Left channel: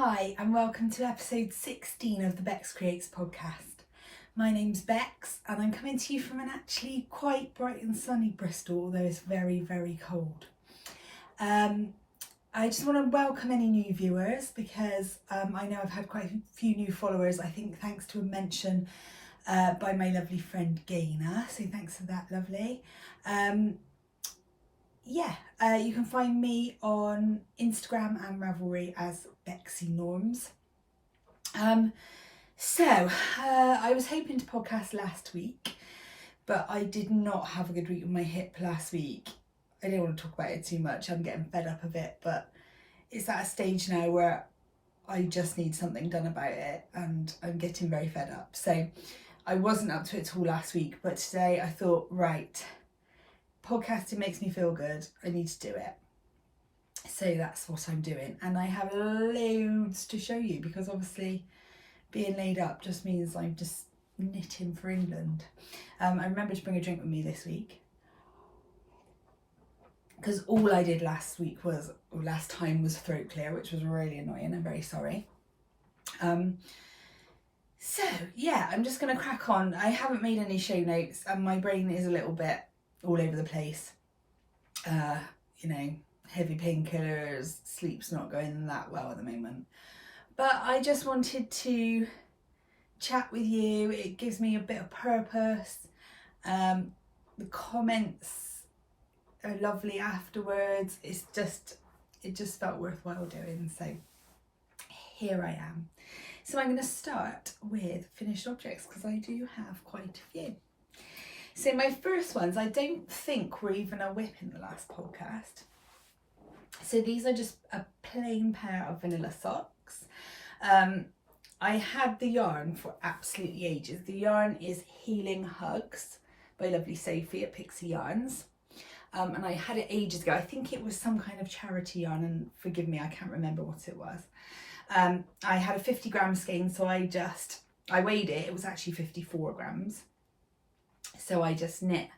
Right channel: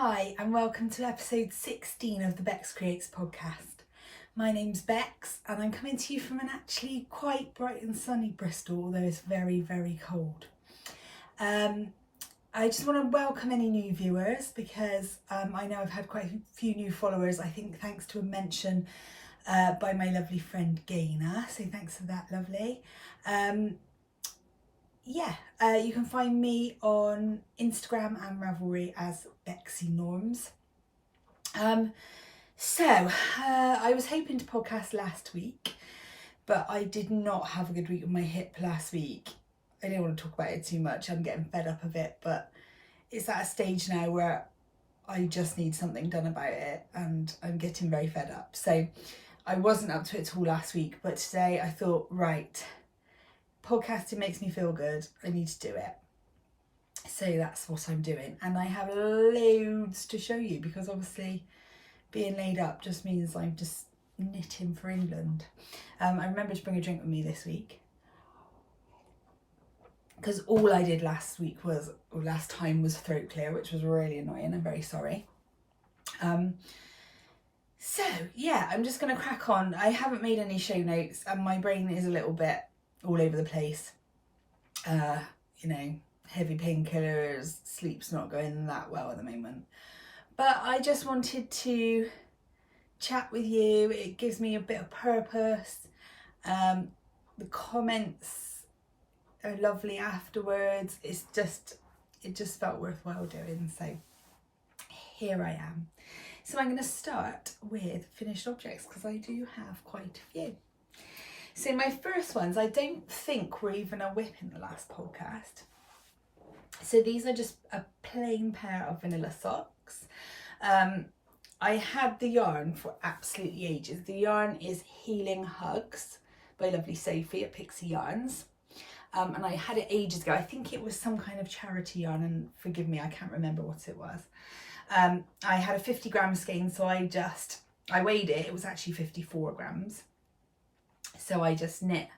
Hi and welcome to episode 16 of the Beks Creates podcast. My name's Beks and I'm coming to you from an actually quite bright and sunny Bristol, although it's very, very cold. I just want to welcome any new viewers because I know I've had quite a few new followers, I think thanks to a mention by my lovely friend Gaina, so thanks for that, lovely. You can find me on Instagram and Ravelry as Beksy Norms. I was hoping to podcast last week, but I did not have a good week with my hip last week. I don't want to talk about it too much, I'm getting fed up of it, but it's at a stage now where I just need something done about it and I'm getting very fed up. So I wasn't up to it at all last week, but today I thought, right, podcasting makes me feel good, I need to do it. So that's what I'm doing, and I have loads to show you because obviously being laid up just means I'm just knitting for England. I remember to bring a drink with me this week because all I did last time was throat clear, which was really annoying. I'm very sorry. I'm just gonna crack on. I haven't made any show notes and my brain is a little bit all over the place. Heavy painkillers, sleep's not going that well at the moment. But I just wanted to chat with you. It gives me a bit of purpose. The comments are lovely afterwards. It just felt worthwhile doing. So here I am. So I'm going to start with finished objects because I do have quite a few. So my first ones, I don't think were even a whip in the last podcast. So these are just a plain pair of vanilla socks. I had the yarn for absolutely ages. The yarn is Healing Hugs by lovely Sophie at Pixie Yarns. And I had it ages ago. I think it was some kind of charity yarn, and forgive me, I can't remember what it was. I had a 50 gram skein, so I weighed it. It was actually 54 grams. So I just knit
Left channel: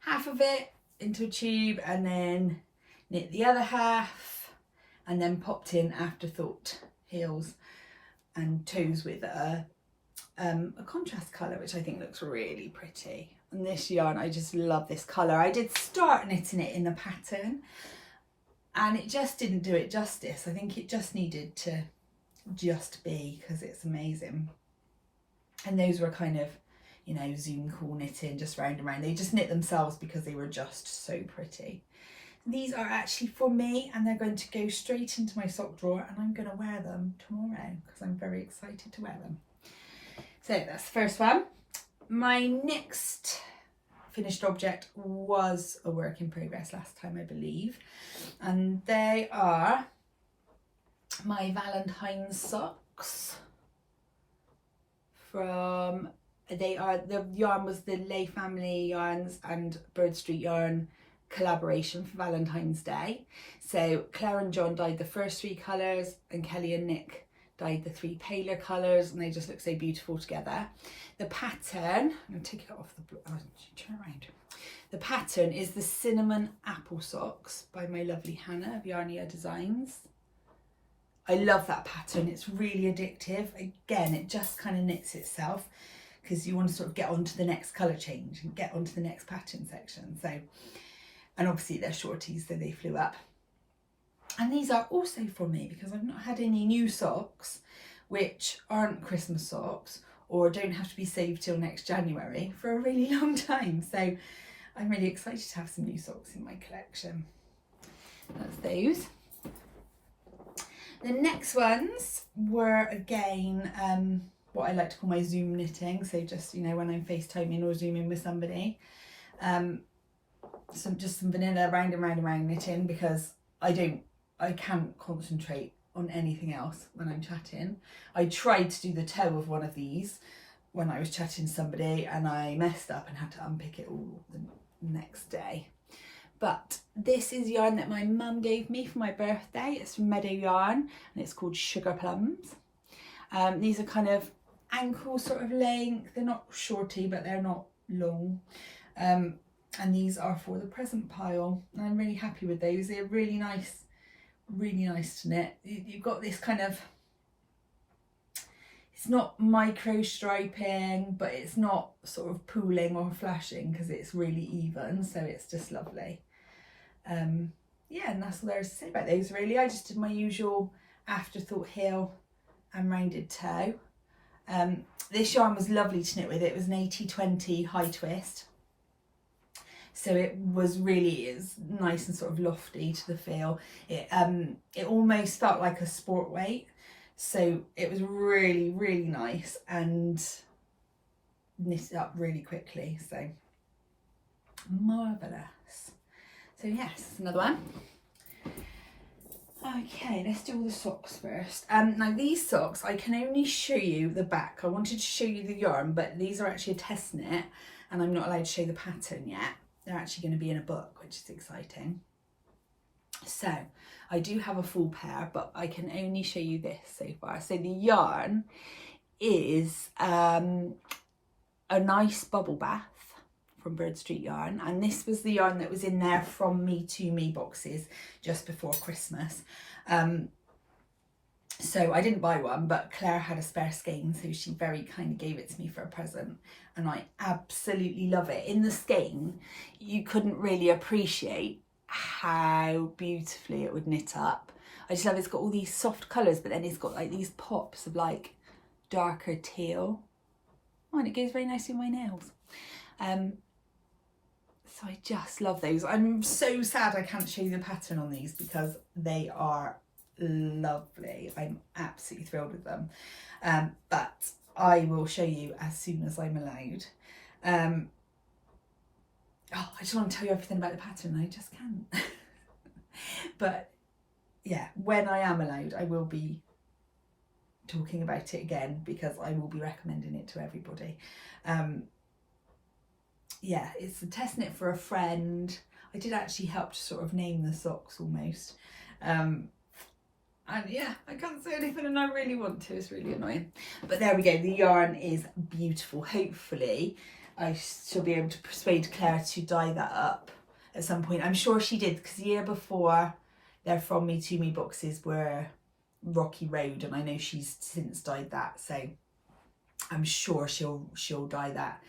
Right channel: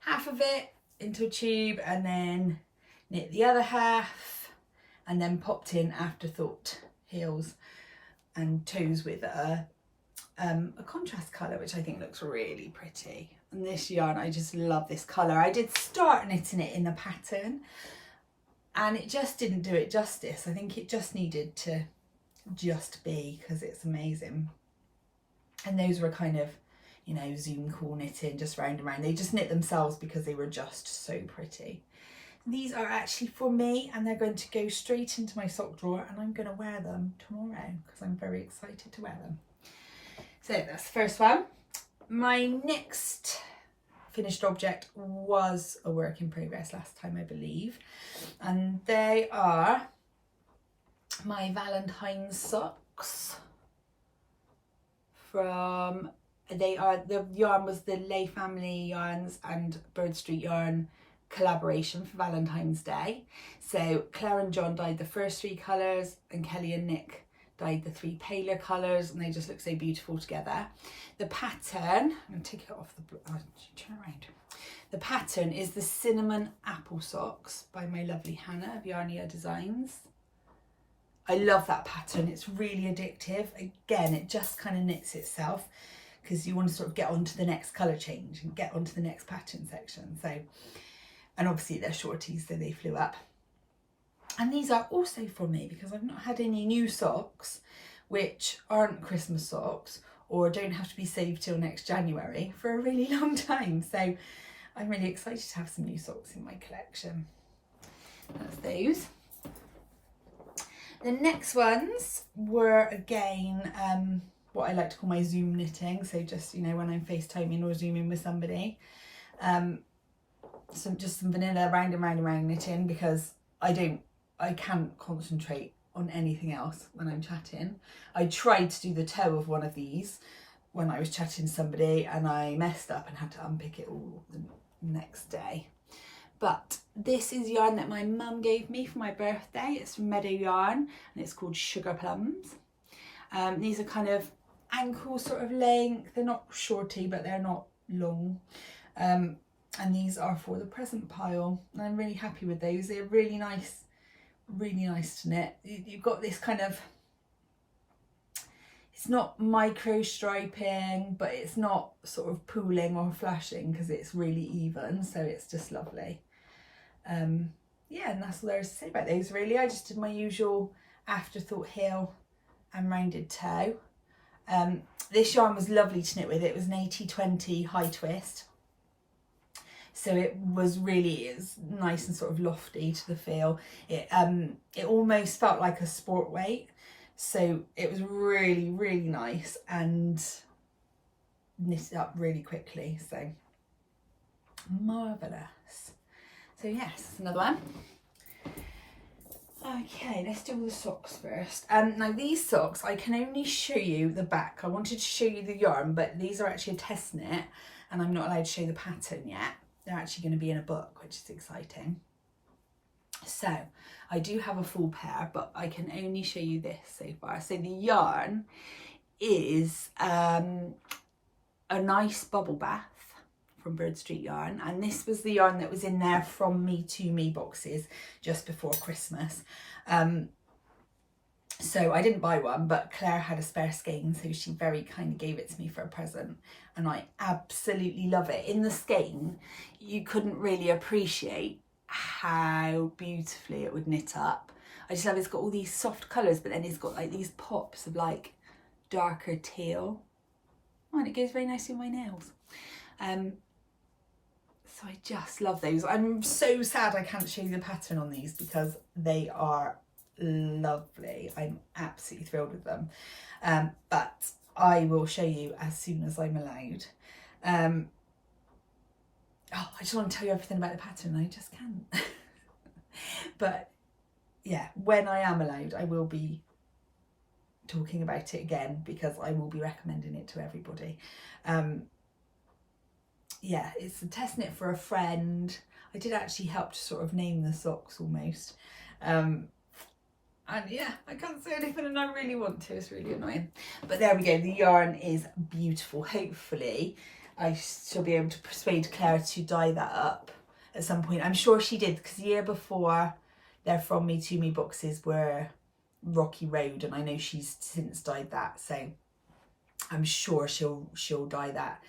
half of it into a tube and then knit the other half and then popped in afterthought heels and toes with a contrast colour, which I think looks really pretty. And this yarn, I just love this colour. I did start knitting it in the pattern and it just didn't do it justice. I think it just needed to just be because it's amazing. And those were kind of, Zoom call knitting, just round and round. They just knit themselves because they were just so pretty. These are actually for me and they're going to go straight into my sock drawer and I'm going to wear them tomorrow because I'm very excited to wear them. So that's the first one. My next finished object was a work in progress last time, I believe. And they are my Valentine's socks the yarn was the Lay Family Yarns and Bird Street Yarn collaboration for Valentine's Day. So Claire and John dyed the first three colours and Kelly and Nick dyed the three paler colours, and they just look so beautiful together. The pattern, I'm going to take it off turn around. The pattern is the Cinnamon Apple Socks by my lovely Hannah of Yarnia Designs. I love that pattern, it's really addictive. Again, it just kind of knits itself because you want to sort of get onto the next colour change and get onto the next pattern section. And obviously they're shorties, so they flew up. And these are also for me because I've not had any new socks which aren't Christmas socks or don't have to be saved till next January for a really long time. So I'm really excited to have some new socks in my collection. That's those. The next ones were again what I like to call my Zoom knitting. So just, when I'm FaceTiming or Zooming with somebody. Some vanilla round and round and round knitting because I can't concentrate on anything else when I'm chatting. I tried to do the toe of one of these when I was chatting to somebody and I messed up and had to unpick it all the next day. But this is yarn that my mum gave me for my birthday. It's from Meadow Yarn and it's called Sugar Plums. These are kind of ankle sort of length. They're not shorty, but they're not long. And these are for the present pile. And I'm really happy with those. They're really nice to knit. You've got this kind of it's not micro striping, but it's not sort of pooling or flashing because it's really even, so it's just lovely. Yeah, and that's all there is to say about those really. I just did my usual afterthought heel and rounded toe. This yarn was lovely to knit with. It was an 80/20 high twist, so it was nice and sort of lofty to the feel. It almost felt like a sport weight, so it was really, really nice and knitted up really quickly, so marvellous. So yes, another one. Okay, let's do all the socks first. Now these socks, I can only show you the back. I wanted to show you the yarn, but these are actually a test knit and I'm not allowed to show the pattern yet. They're actually going to be in a book, which is exciting. So I do have a full pair, but I can only show you this so far. So the yarn is a nice bubble bath from Bird Street Yarn, and this was the yarn that was in there from Me to Me boxes just before Christmas. So I didn't buy one, but Claire had a spare skein, so she very kindly gave it to me for a present, and I absolutely love it. In the skein, you couldn't really appreciate how beautifully it would knit up. I just love it's got all these soft colours, but then it's got like these pops of like darker teal. Oh, and it goes very nicely with my nails. So I just love those. I'm so sad I can't show you the pattern on these because they are lovely. I'm absolutely thrilled with them. But I will show you as soon as I'm allowed. Oh, I just want to tell you everything about the pattern. I just can't. But yeah, when I am allowed, I will be talking about it again because I will be recommending it to everybody. Yeah, it's a test knit for a friend. I did actually help to sort of name the socks almost. And yeah, I can't say anything and I really want to. It's really annoying. But there we go. The yarn is beautiful. Hopefully I shall be able to persuade Claire to dye that up at some point. I'm sure she did, because the year before their From Me to Me boxes were Rocky Road, and I know she's since dyed that, so I'm sure she'll dye that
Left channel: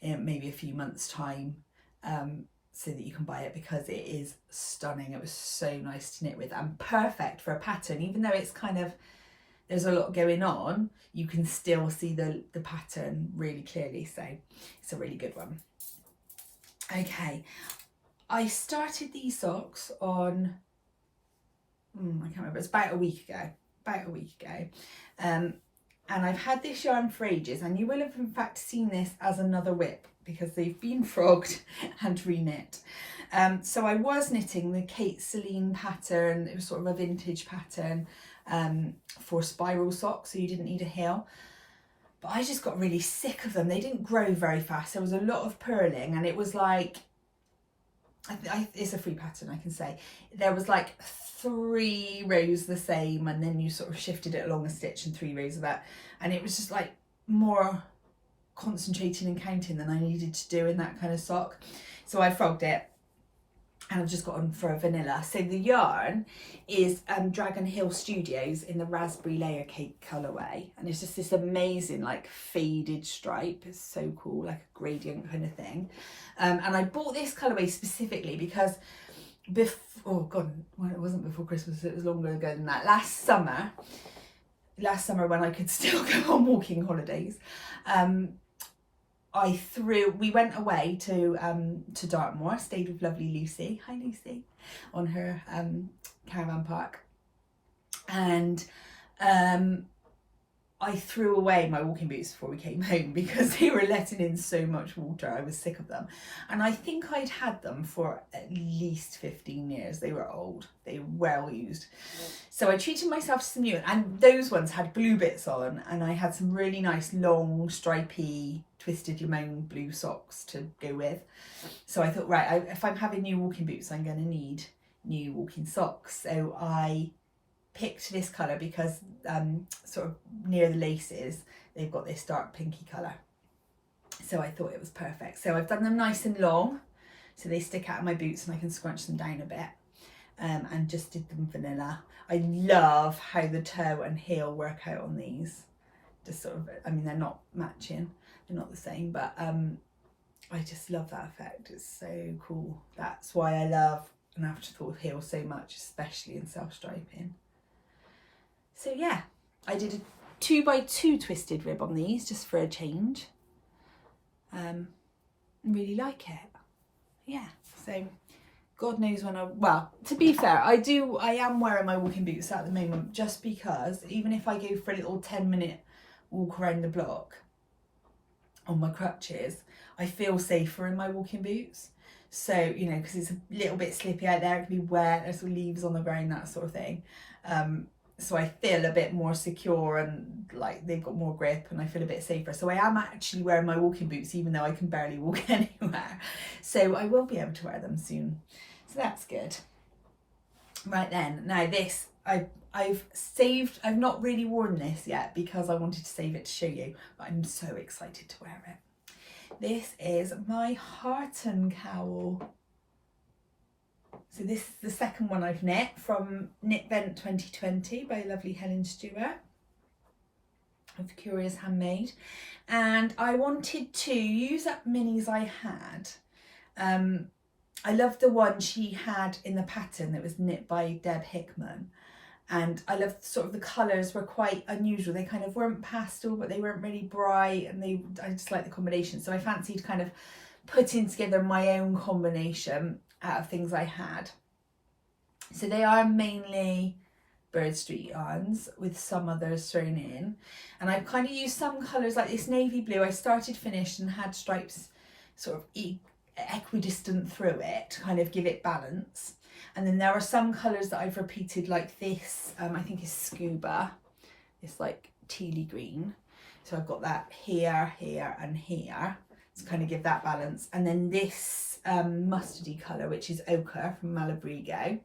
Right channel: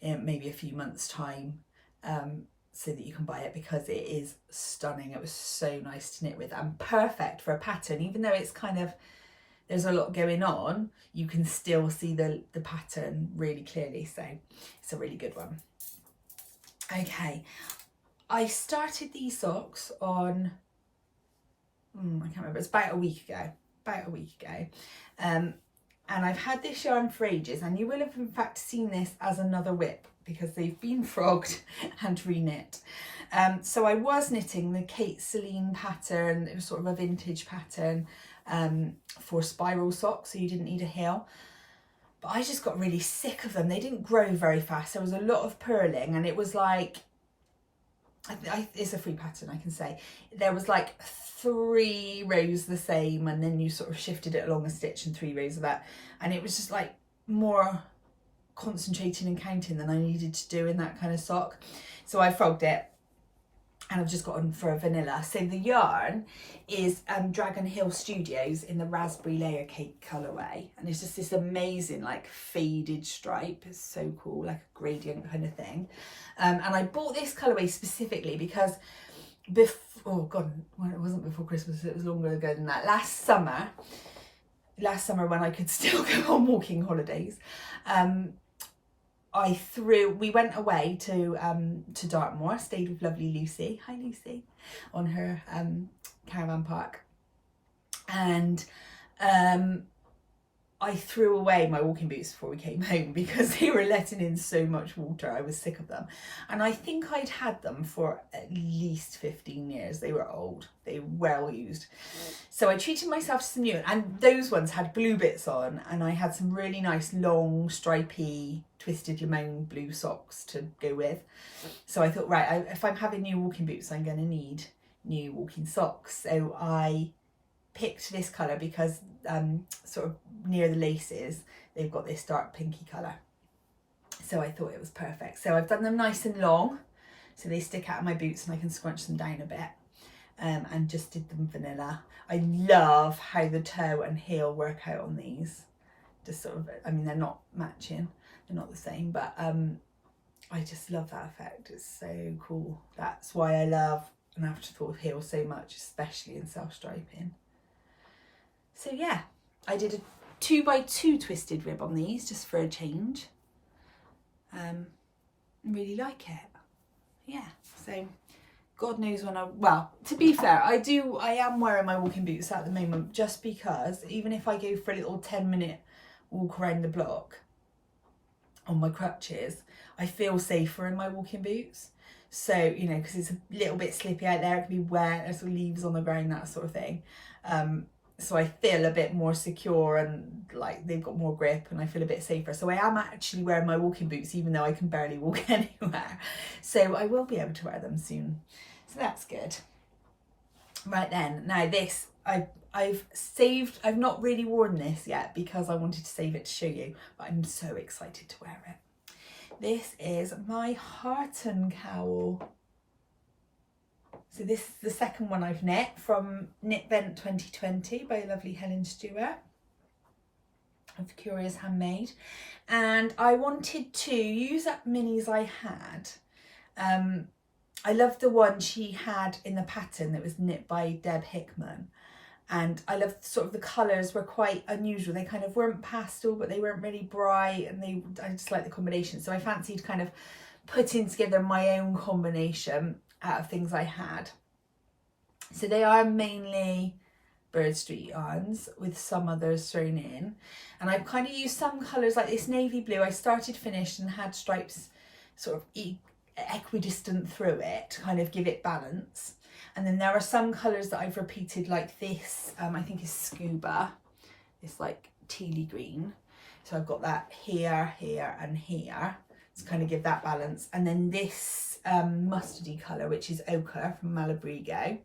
in maybe a few months' time, so that you can buy it, because it is stunning. It was so nice to knit with and perfect for a pattern. Even though it's kind of, there's a lot going on, you can still see the pattern really clearly, so it's a really good one. Okay, I started these socks on, I can't remember, it's about a week ago. And I've had this yarn for ages, and you will have in fact seen this as another whip because they've been frogged and re-knit. So I was knitting the Kate Celine pattern. It was sort of a vintage pattern for spiral socks, so you didn't need a heel. But I just got really sick of them. They didn't grow very fast. There was a lot of purling, and it was like, it's a free pattern, I can say. There was like 3 rows the same, and then you sort of shifted it along a stitch and 3 rows of that, and it was just like more concentrating and counting than I needed to do in that kind of sock. So I frogged it, and I've just gotten for a vanilla. So the yarn is Dragon Hill Studios in the raspberry layer cake colourway, and it's just this amazing like faded stripe. It's so cool, like a gradient kind of thing. And I bought this colourway specifically because oh god, well, it wasn't before Christmas, it was longer ago than that. Last summer when I could still go on walking holidays, we went away to Dartmoor, stayed with lovely Lucy, hi Lucy, on her caravan park, and I threw away my walking boots before we came home because they were letting in so much water. I was sick of them, and I think I'd had them for at least 15 years. They were old, they were well used. So I treated myself to some new, and those ones had blue bits on, and I had some really nice long stripy twisted lemon blue socks to go with. So I thought, right, if I'm having new walking boots, I'm going to need new walking socks. So I picked this colour because sort of near the laces they've got this dark pinky colour, so I thought it was perfect. So I've done them nice and long so they stick out of my boots and I can scrunch them down a bit, and just did them vanilla. I love how the toe and heel work out on these. just sort of, I mean, they're not matching, they're not the same, but I just love that effect. It's so cool. That's why I love an afterthought heel so much, especially in self-striping. So yeah, I did a 2x2 twisted rib on these just for a change. Really like it. Yeah, so God knows when well, to be fair, I am wearing my walking boots at the moment, just because even if I go for a little 10-minute walk around the block on my crutches, I feel safer in my walking boots. So, you know, because it's a little bit slippy out there, it can be wet, there's leaves on the ground, that sort of thing. So I feel a bit more secure and like they've got more grip and I feel a bit safer. So I am actually wearing my walking boots even though I can barely walk anywhere. So I will be able to wear them soon. So that's good. Right then, now this, I've saved, I've not really worn this yet because I wanted to save it to show you, but I'm so excited to wear it. This is my Harton cowl. So this is the second one I've knit from Knit Vent 2020 by lovely Helen Stewart of Curious Handmade. And I wanted to use up minis I had. I love the one she had in the pattern that was knit by Deb Hickman. And I love sort of the colours were quite unusual. They kind of weren't pastel, but they weren't really bright, and I just like the combination. So I fancied kind of putting together my own combination out of things I had. So they are mainly Bird Street yarns with some others thrown in. And I've kind of used some colours like this navy blue. I started finished and had stripes sort of equidistant through it to kind of give it balance. And then there are some colours that I've repeated like this, I think is scuba, this like tealy green. So I've got that here, here and here to kind of give that balance. And then this mustardy colour, which is ochre from Malabrigo.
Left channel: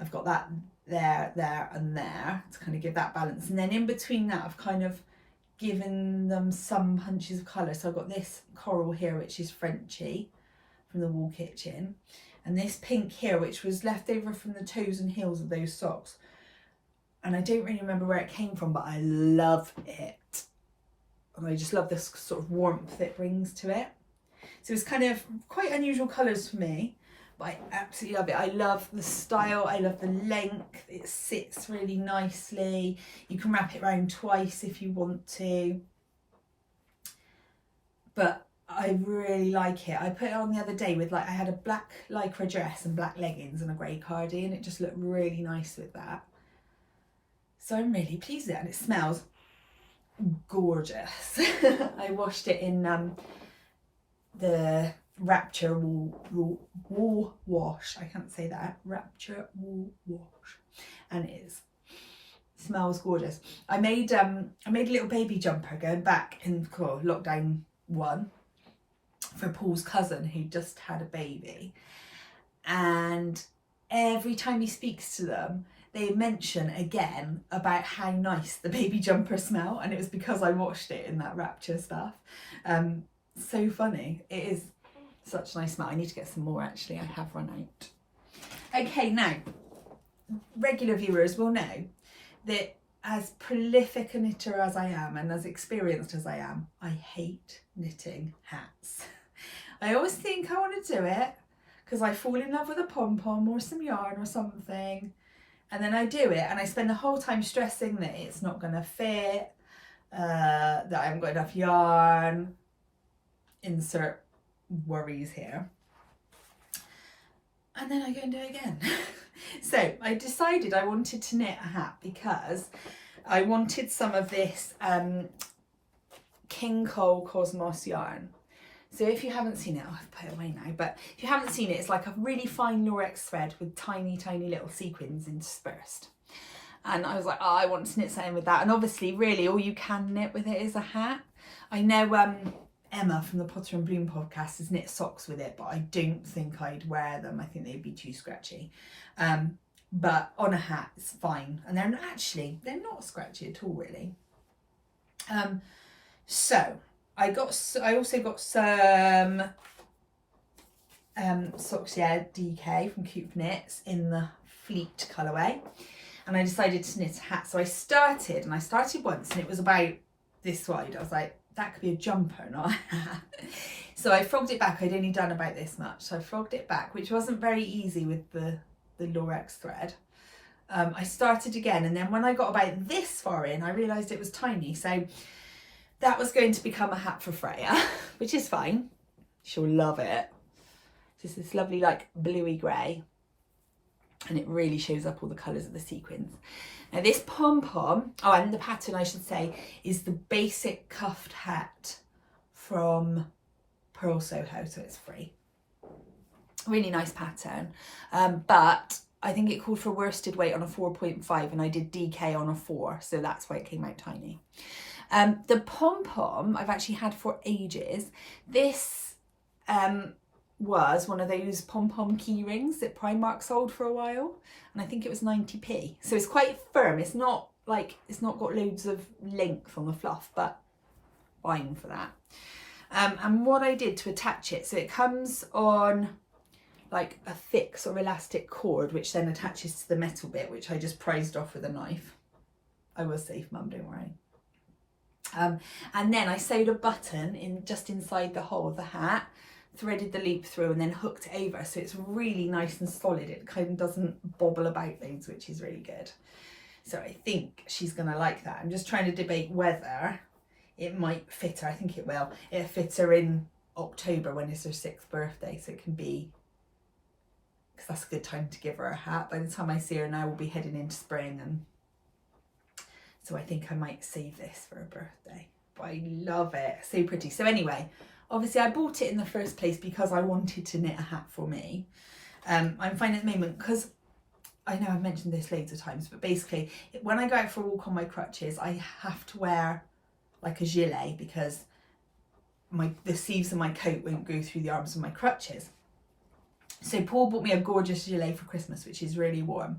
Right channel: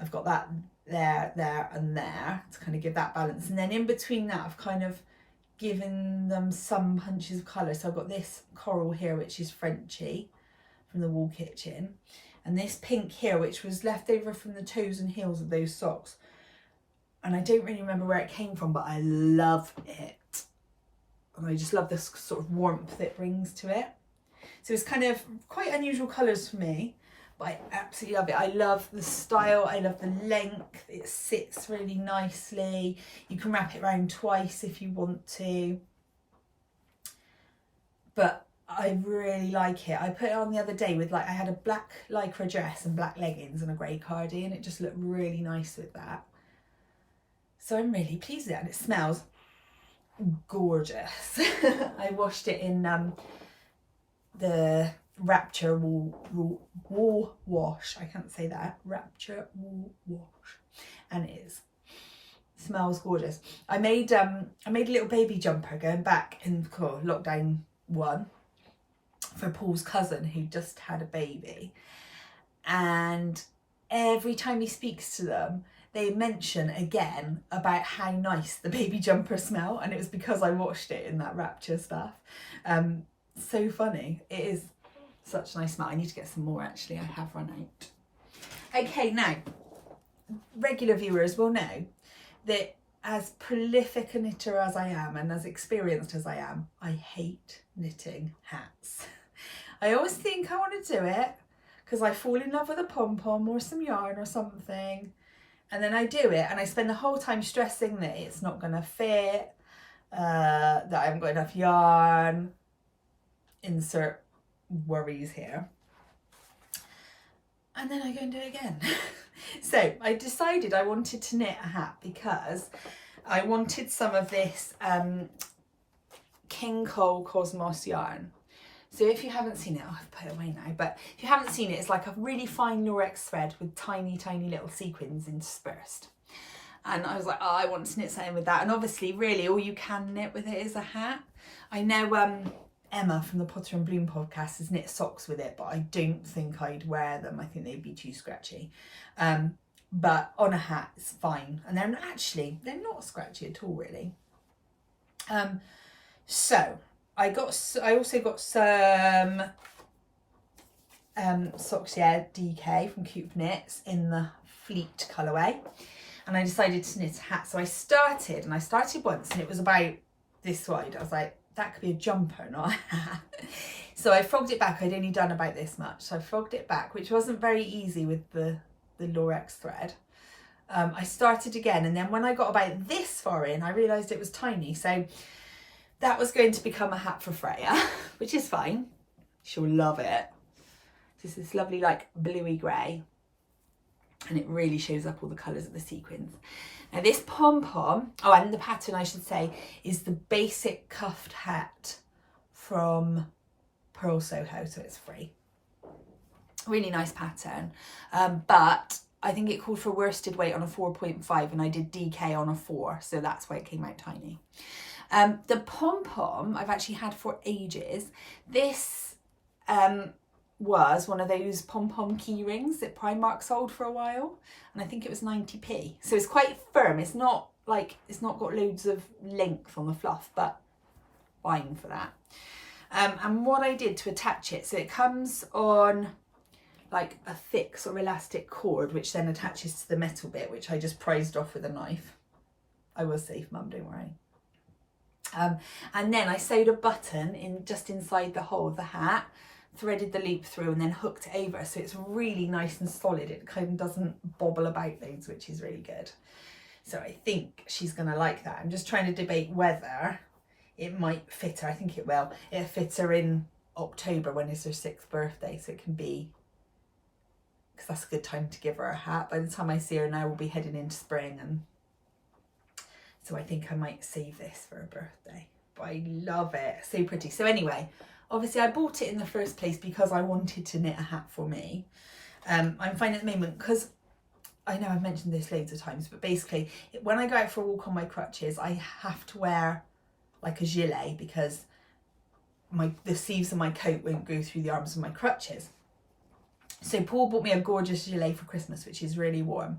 I've got that there, there and there to kind of give that balance. And then in between that, I've kind of given them some punches of colour. So I've got this coral here, which is Frenchy from the Wall Kitchen. And this pink here, which was left over from the toes and heels of those socks. And I don't really remember where it came from, but I love it. And I just love this sort of warmth it brings to it. So it's kind of quite unusual colours for me, but I absolutely love it. I love the style, I love the length. It sits really nicely. You can wrap it around twice if you want to. But I really like it. I put it on the other day with I had a black lycra dress and black leggings and a grey cardi, and it just looked really nice with that. So I'm really pleased with it, and it smells gorgeous. I washed it in the Rapture wool wash. I can't say that. Rapture wool wash, and it smells gorgeous. I made a little baby jumper going back in lockdown 1. For Paul's cousin who just had a baby, and every time he speaks to them they mention again about how nice the baby jumper smell, and it was because I washed it in that Rapture stuff. So funny. It is such a nice smell. I need to get some more actually, I have run out. Okay, now regular viewers will know that as prolific a knitter as I am and as experienced as I am, I hate knitting hats. I always think I want to do it because I fall in love with a pom-pom or some yarn or something, and then I do it and I spend the whole time stressing that it's not going to fit, that I haven't got enough yarn, insert worries here, and then I go and do it again. So I decided I wanted to knit a hat because I wanted some of this King Cole Cosmos yarn. So if you haven't seen it, I've put it away now, but if you haven't seen it, it's like a really fine Lurex thread with tiny, tiny little sequins interspersed. And I was like, oh, I want to knit something with that. And obviously, really, all you can knit with it is a hat. I know Emma from the Potter and Bloom podcast has knit socks with it, but I don't think I'd wear them. I think they'd be too scratchy. But on a hat, it's fine. And they're not scratchy at all, really. So I also got some socks, yeah, DK from Coop Knits in the Fleet colourway, and I decided to knit a hat. So I started once, and it was about this wide. I was like, that could be a jumper, not a hat. So I frogged it back. I'd only done about this much. So I frogged it back, which wasn't very easy with the Lurex thread. I started again, and then when I got about this far in, I realised it was tiny. So that was going to become a hat for Freya, which is fine. She'll love it. This is lovely, like bluey grey, and it really shows up all the colours of the sequins. Now this pom-pom, oh, and the pattern I should say, is the basic cuffed hat from Pearl Soho, so it's free. Really nice pattern, but I think it called for worsted weight on a 4.5 and I did DK on a 4, so that's why it came out tiny. The pom-pom I've actually had for ages. This was one of those pom-pom key rings that Primark sold for a while, and I think it was 90p. So it's quite firm. It's not like, it's not got loads of length on the fluff, but fine for that. And what I did to attach it, so it comes on like a thick sort of elastic cord, which then attaches to the metal bit, which I just prized off with a knife. I was safe, Mum, don't worry. And then I sewed a button in just inside the hole of the hat, threaded the loop through, and then hooked it over, so it's really nice and solid. It kind of doesn't bobble about loads, which is really good. So I think she's gonna like that. I'm just trying to debate whether it might fit her. I think it will. It'll fit her in October when it's her 6th birthday, so it can be, because that's a good time to give her a hat. By the time I see her now, we'll be heading into spring, and so I think I might save this for her birthday. But I love it, so pretty. So anyway, obviously I bought it in the first place because I wanted to knit a hat for me. I'm finding at the moment, because I know I've mentioned this loads of times, but basically when I go out for a walk on my crutches, I have to wear like a gilet because the sleeves of my coat won't go through the arms of my crutches. So Paul bought me a gorgeous gilet for Christmas, which is really warm,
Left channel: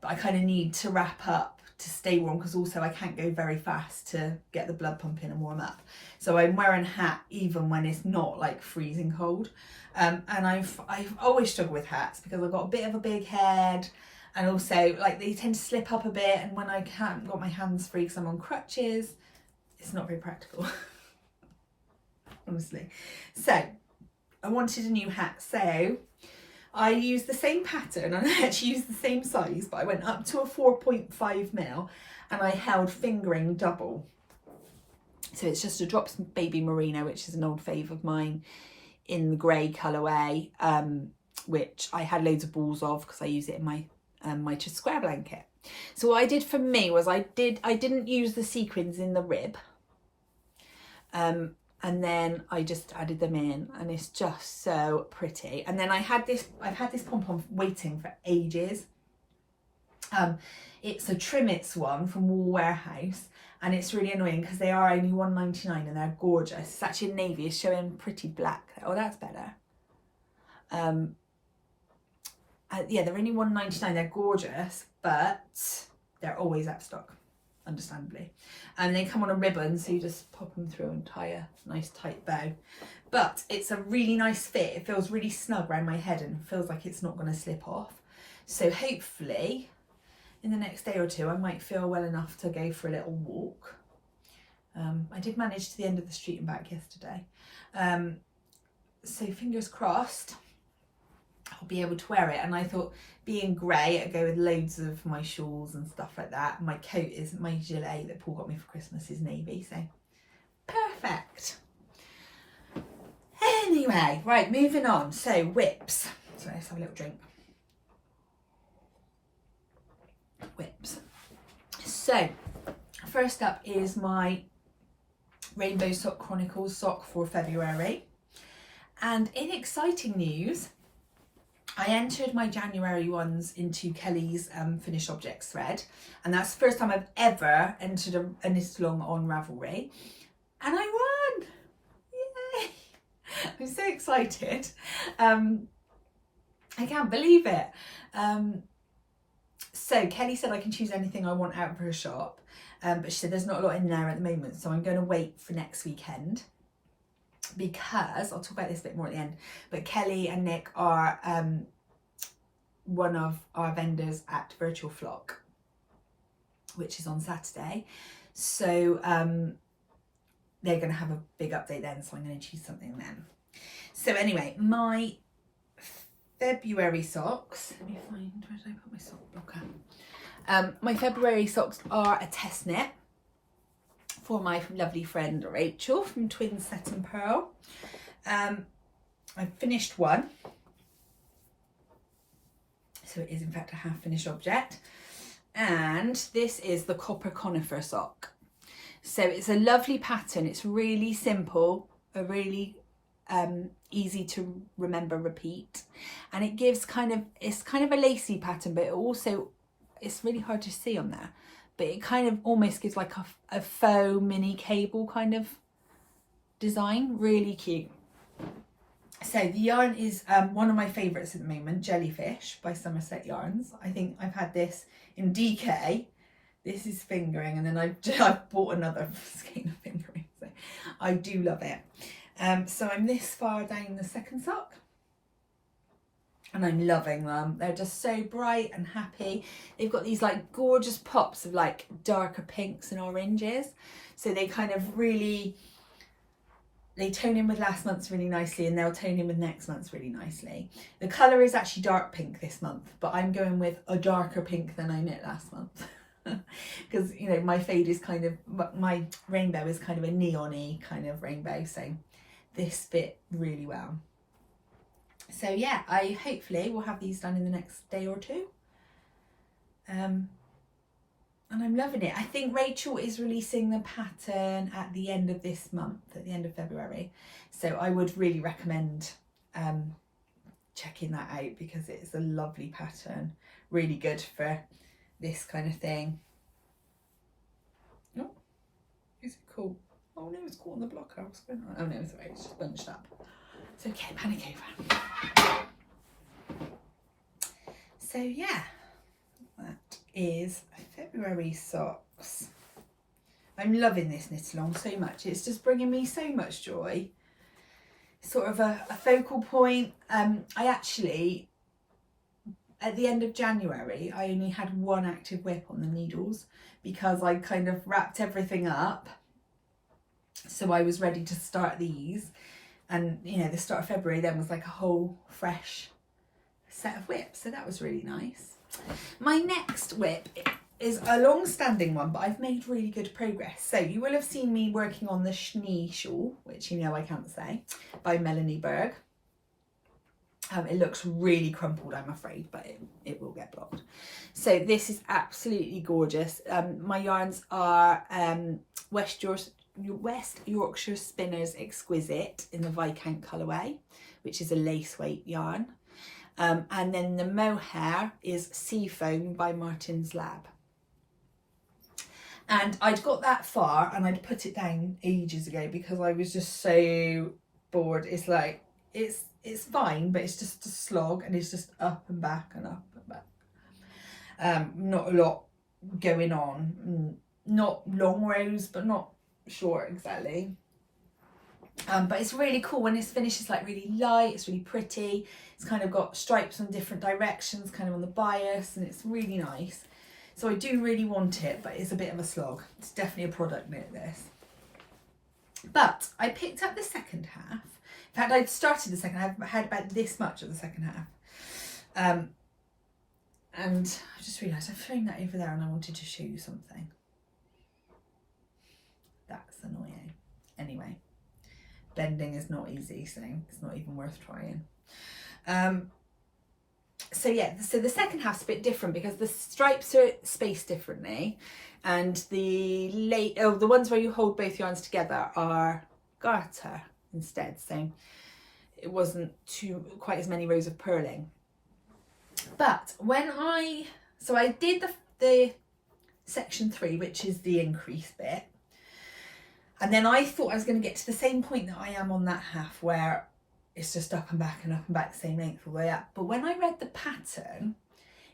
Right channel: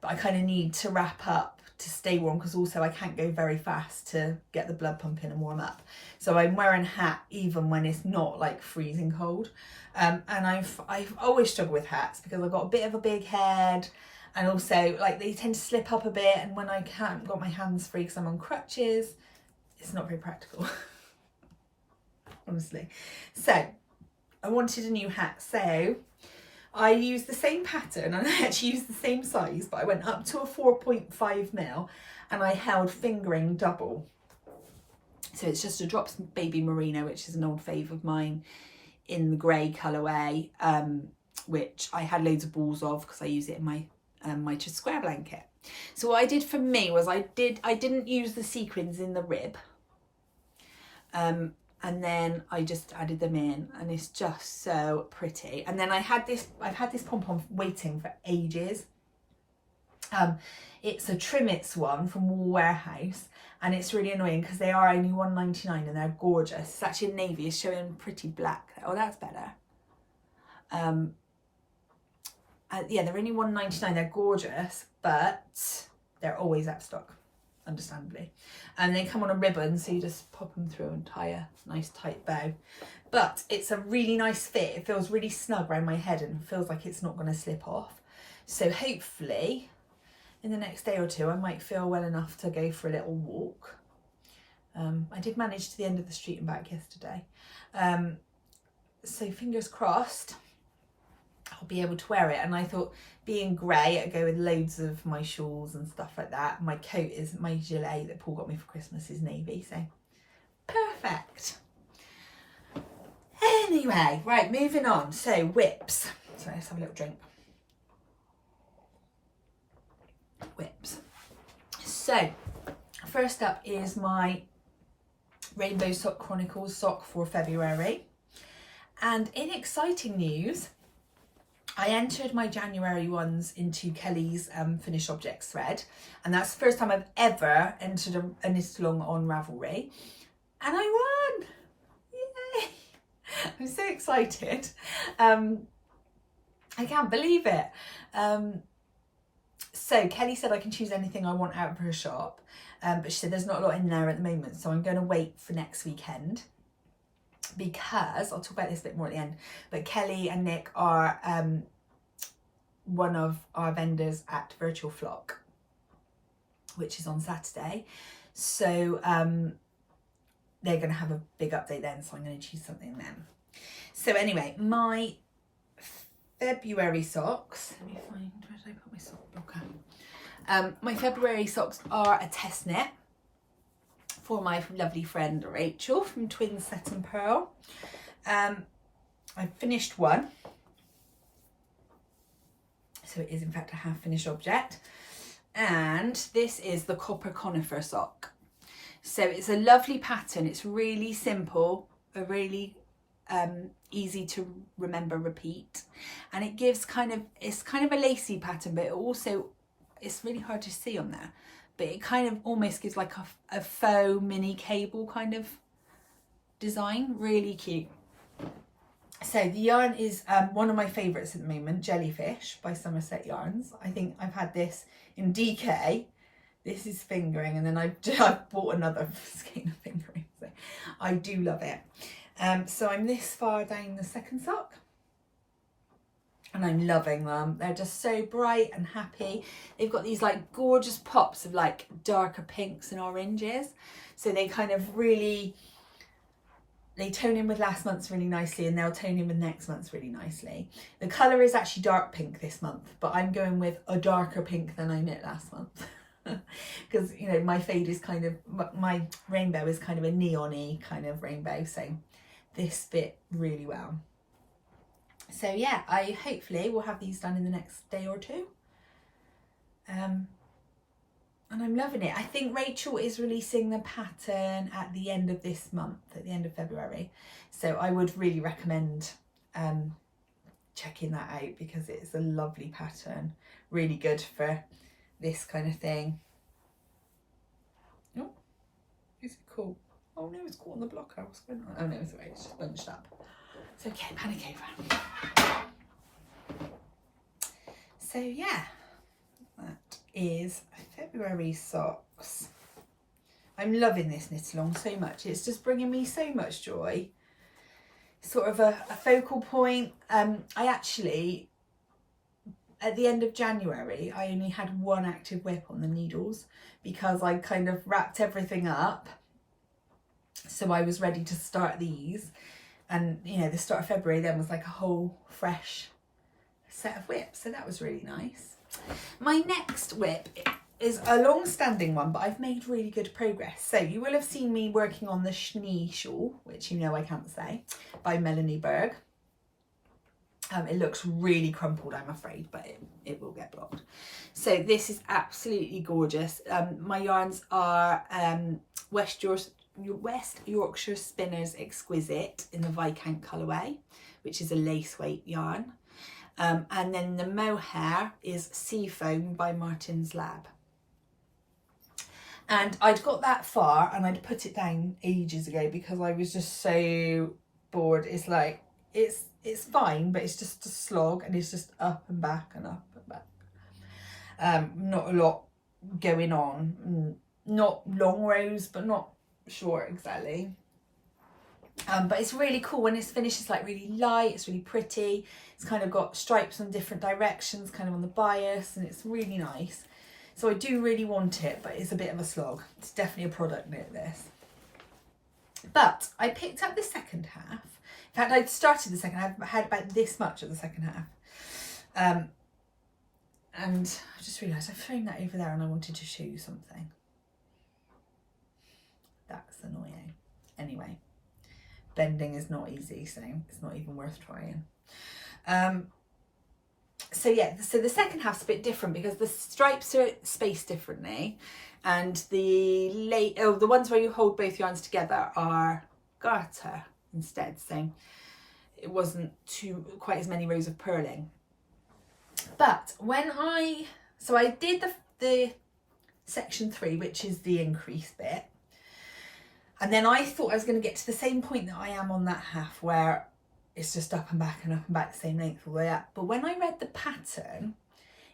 but I kind of need to wrap up to stay warm, because also I can't go very fast to get the blood pumping and warm up. So I'm wearing a hat even when it's not like freezing cold. And I've always struggled with hats because I've got a bit of a big head, and also like they tend to slip up a bit, and when I can't got my hands free because I'm on crutches, it's not very practical. Honestly. So I wanted a new hat, so I used the same pattern, and I actually used the same size, but I went up to a 4.5 mil and I held fingering double. So it's just a Drops Baby Merino, which is an old fave of mine, in the grey colourway, which I had loads of balls of because I use it in my my square blanket. So what I did for me was I didn't use the sequins in the rib, and then I just added them in, and it's just so pretty. And then I've had this pom-pom waiting for ages. It's a Trimmets one from Wool Warehouse, and it's really annoying because they are only £1.99 and they're gorgeous. It's actually navy, it's showing pretty black. Oh, that's better. Yeah, they're only £1.99. They're gorgeous, but they're always out of stock, understandably. And they come on a ribbon, so you just pop them through and tie a nice tight bow. But it's a really nice fit. It feels really snug around my head and feels like it's not going to slip off. So hopefully in the next day or two I might feel well enough to go for a little walk. I did manage to the end of the street and back yesterday. So fingers crossed I'll be able to wear it. And I thought, being grey, I'd go with loads of my shawls and stuff like that. My coat is, my gilet that Paul got me for Christmas is navy, so perfect. Anyway, right, moving on. So whips. So let's have a little drink. Whips. So first up is my Rainbow Sock Chronicles sock for February. And in exciting news, I entered my January ones into Kelly's Finished Objects thread, and that's the first time I've ever entered a knit along on Ravelry, and I won! Yay! I'm so excited. I can't believe it. So Kelly said I can choose anything I want out of her shop, but she said there's not a lot in there at the moment, so I'm going to wait for next weekend, because I'll talk about this a bit more at the end, but Kelly and Nick are one of our vendors at Virtual Flock, which is on Saturday. So they're going to have a big update then, so I'm going to choose something then. So anyway, my February socks, let me find, where did I put my sock blocker? My February socks are a test knit for my lovely friend Rachel from Twin Set and Pearl. I finished one, so it is in fact a half finished object, and this is the copper conifer sock. So it's a lovely pattern, it's really simple, a really easy to remember repeat, and it gives it's kind of a lacy pattern, but it also, it's really hard to see on there, but it kind of almost gives like a faux mini cable kind of design, really cute. So the yarn is one of my favourites at the moment, Jellyfish by Somerset Yarns. I think I've had this in DK. This is fingering, and then I've bought another skein of fingering, so I do love it. So I'm this far down the second sock, and I'm loving them. They're just so bright and happy. They've got these like gorgeous pops of like darker pinks and oranges, so they kind of really, they tone in with last month's really nicely, and they'll tone in with next month's really nicely. The colour is actually dark pink this month, but I'm going with a darker pink than I knit last month. Because, you know, my fade is kind of, my rainbow is kind of a neon-y kind of rainbow, so this fit really well. So yeah, I hopefully will have these done in the next day or two. And I'm loving it. I think Rachel is releasing the pattern at the end of this month, at the end of February. So I would really recommend checking that out, because it's a lovely pattern, really good for this kind of thing. Oh, is it cool? Oh no, it's caught on the blocker. What's going on? Oh no, it's alright, it's just bunched up. It's okay, panic over. So yeah, that is February socks. I'm loving this knit along so much. It's just bringing me so much joy. Sort of a focal point. I actually, at the end of January, I only had one active whip on the needles, because I kind of wrapped everything up. So I was ready to start these. And, you know, the start of February then was like a whole fresh set of whips. So that was really nice. My next whip is a long-standing one, but I've made really good progress. So you will have seen me working on the Schnitzel, which you know I can't say, by Melanie Berg. It looks really crumpled, I'm afraid, but it will get blocked. So this is absolutely gorgeous. My yarns are West Yorkshire Spinners Exquisite in the Viscount colourway, which is a lace weight yarn. And then the mohair is Seafoam by Martin's Lab. And I'd got that far and I'd put it down ages ago because I was just so bored. It's like, it's fine, but it's just a slog, and it's just up and back and up and back. Not a lot going on. Not long rows, but not short exactly. But it's really cool when it's finished. It's like really light, it's really pretty. It's kind of got stripes on different directions, kind of on the bias, and it's really nice. So I do really want it, but it's a bit of a slog. It's definitely a product knit, this. But I picked up the second half. In fact, I'd started the second half. I had about this much of the second half. And I just realised I've thrown that over there and I wanted to show you something. That's annoying. Anyway, bending is not easy, so it's not even worth trying. So yeah, so the second half's a bit different because the stripes are spaced differently, and the ones where you hold both yarns together are garter instead, so it wasn't quite as many rows of purling. But when I did the section 3, which is the increase bit, and then I thought I was going to get to the same point that I am on that half, where it's just up and back the same length all the way up. But when I read the pattern,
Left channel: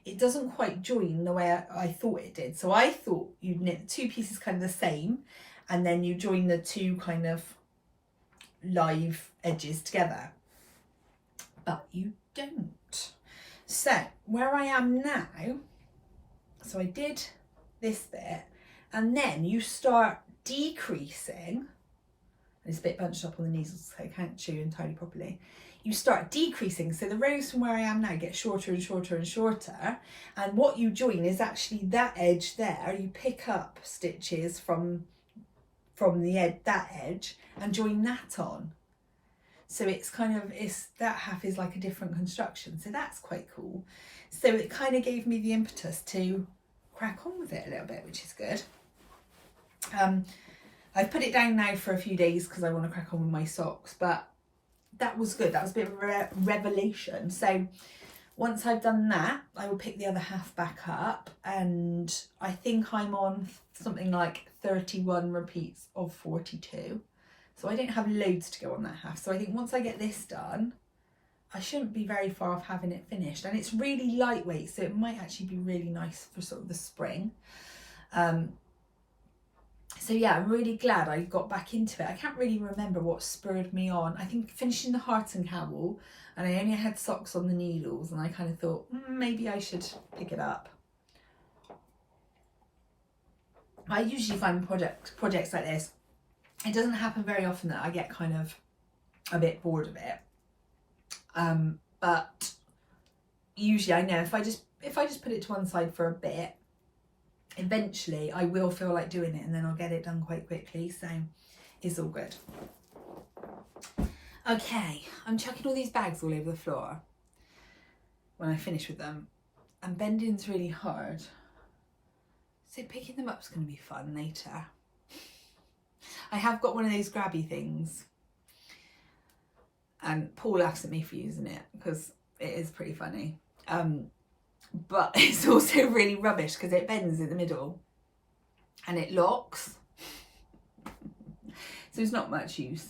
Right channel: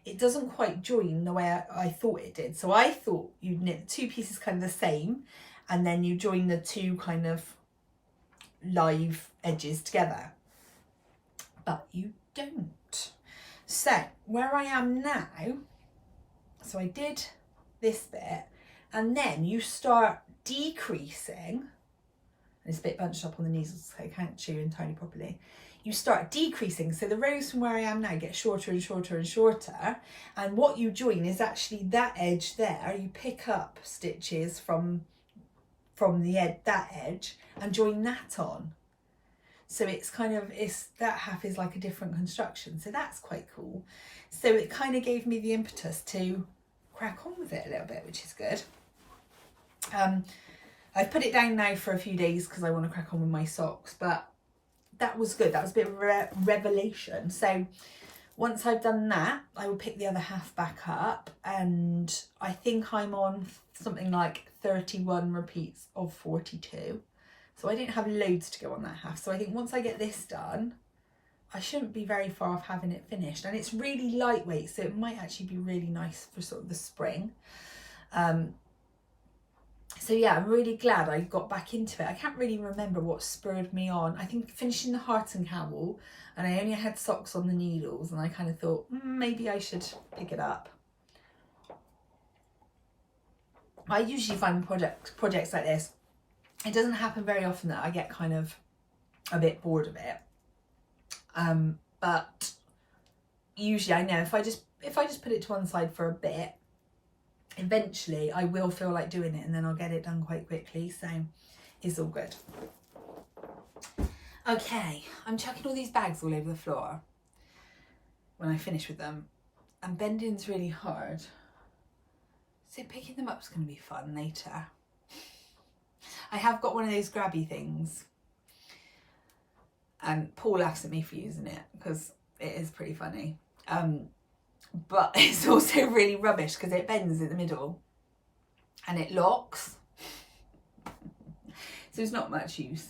it doesn't quite join the way I thought it did. So I thought you'd knit the two pieces kind of the same, and then you join the two kind of live edges together. But you don't. So where I am now, so I did this bit, and then you start decreasing and it's a bit bunched up on the needles, so I can't chew entirely properly, you start decreasing. So the rows from where I am now get shorter and shorter and shorter. And what you join is actually that edge there. You pick up stitches from that edge and join that on. So it's kind of, that half is like a different construction. So that's quite cool. So it kind of gave me the impetus to crack on with it a little bit, which is good. I've put it down now for a few days because I want to crack on with my socks, but that was good. That was a bit of a revelation. So once I've done that, I will pick the other half back up, and I think I'm on something like 31 repeats of 42. So I don't have loads to go on that half. So I think once I get this done, I shouldn't be very far off having it finished. And it's really lightweight, so it might actually be really nice for sort of the spring. So yeah, I'm really glad I got back into it. I can't really remember what spurred me on. I think finishing the heart and cowl, and I only had socks on the needles, and I kind of thought, maybe I should pick it up. I usually find projects like this, it doesn't happen very often that I get kind of a bit bored of it. But usually I know if I just put it to one side for a bit, eventually I will feel like doing it, and then I'll get it done quite quickly. So it's all good. Okay, I'm chucking all these bags all over the floor when I finish with them, and bending's really hard, so picking them up is going to be fun later. I have got one of those grabby things, and Paul laughs at me for using it because it is pretty funny. But it's also really rubbish because it bends in the middle and it locks. So it's not much use.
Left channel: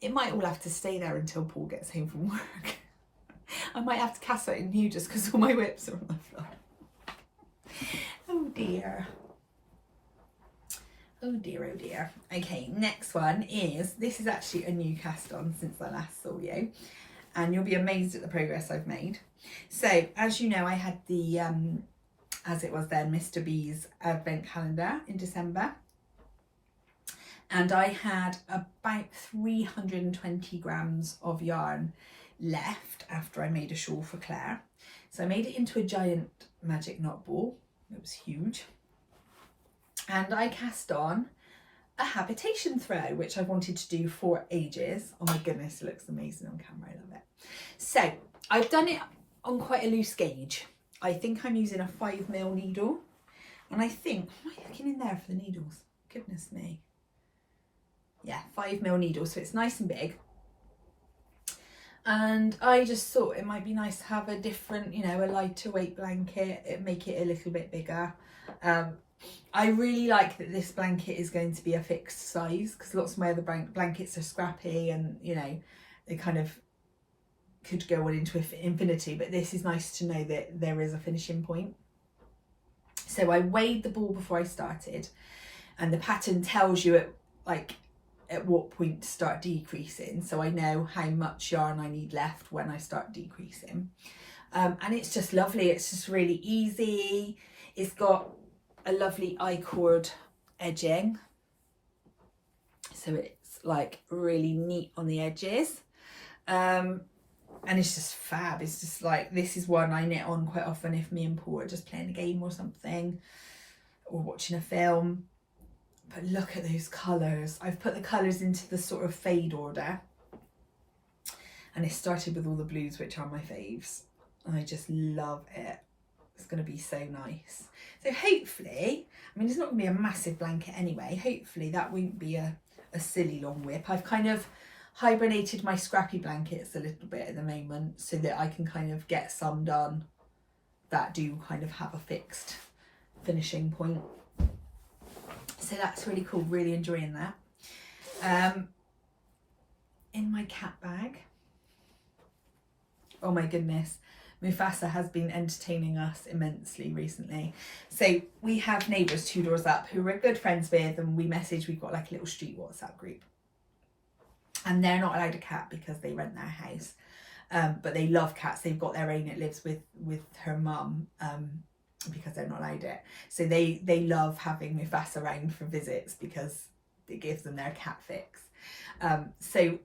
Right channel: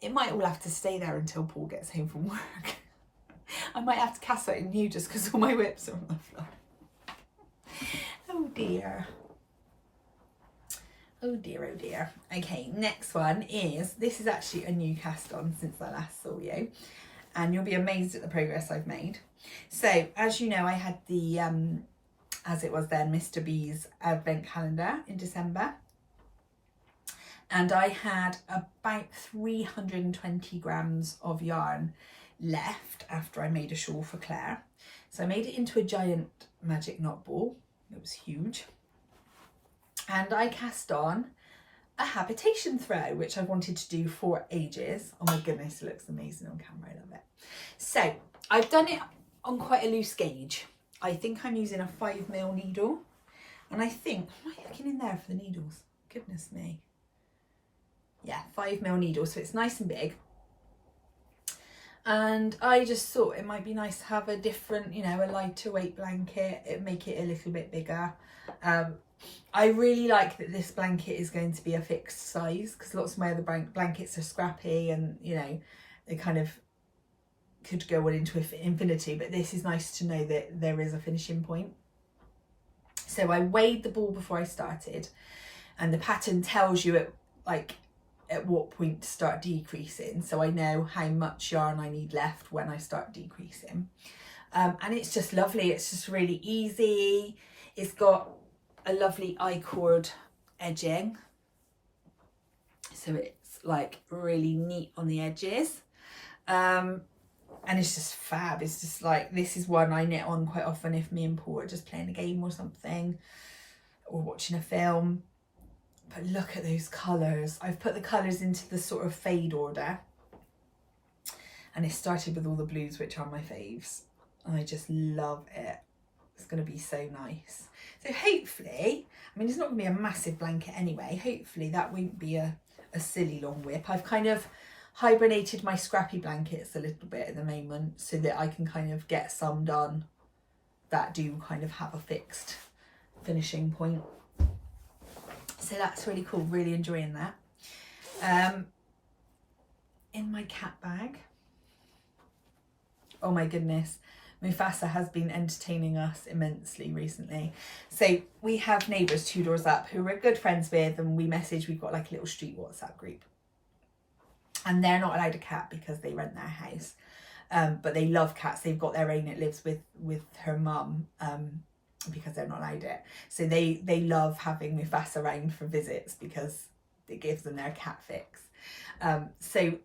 It might all have to stay there until Paul gets home from work. I might have to cast something new just because all my whips are on the floor. Oh dear. Oh dear, oh dear. Okay, next one is, this is actually a new cast on since I last saw you, and you'll be amazed at the progress I've made. So as you know, I had the, as it was then, Mr. B's advent calendar in December, and I had about 320 grams of yarn left after I made a shawl for Claire. So I made it into a giant magic knot ball. It was huge. And I cast on a habitation throw, which I've wanted to do for ages. Oh my goodness, it looks amazing on camera. I love it. So I've done it on quite a loose gauge. I think I'm using a 5mm needle. And I think, am I looking in there for the needles? Goodness me. Yeah, 5mm needle, so it's nice and big. And I just thought it might be nice to have a different, you know, a lighter weight blanket, make it a little bit bigger. I really like that this blanket is going to be a fixed size, because lots of my other blankets are scrappy and, you know, they kind of could go on into infinity, but this is nice to know that there is a finishing point. So I weighed the ball before I started, and the pattern tells you at what point to start decreasing, so I know how much yarn I need left when I start decreasing. And it's just lovely. It's just really easy. It's got a lovely I-cord edging, so it's like really neat on the edges, and it's just fab. It's just like, this is one I knit on quite often if me and Paul are just playing a game or something, or watching a film. But look at those colours. I've put the colours into the sort of fade order, and it started with all the blues, which are my faves. I just love it. It's going to be so nice. So hopefully, I mean, it's not going to be a massive blanket anyway. Hopefully that won't be a silly long whip. I've kind of hibernated my scrappy blankets a little bit at the moment, so that I can kind of get some done that do kind of have a fixed finishing point. So that's really cool, really enjoying that. In my cat bag, oh my goodness, Mufasa has been entertaining us immensely recently. So we have neighbours 2 doors up who we're good friends with, and we message, we've got like a little street WhatsApp group. And they're not allowed a cat because they rent their house. But they love cats. They've got their own, it lives with her mum, because they're not allowed it. So they love having Mufasa around for visits, because it gives them their cat fix. So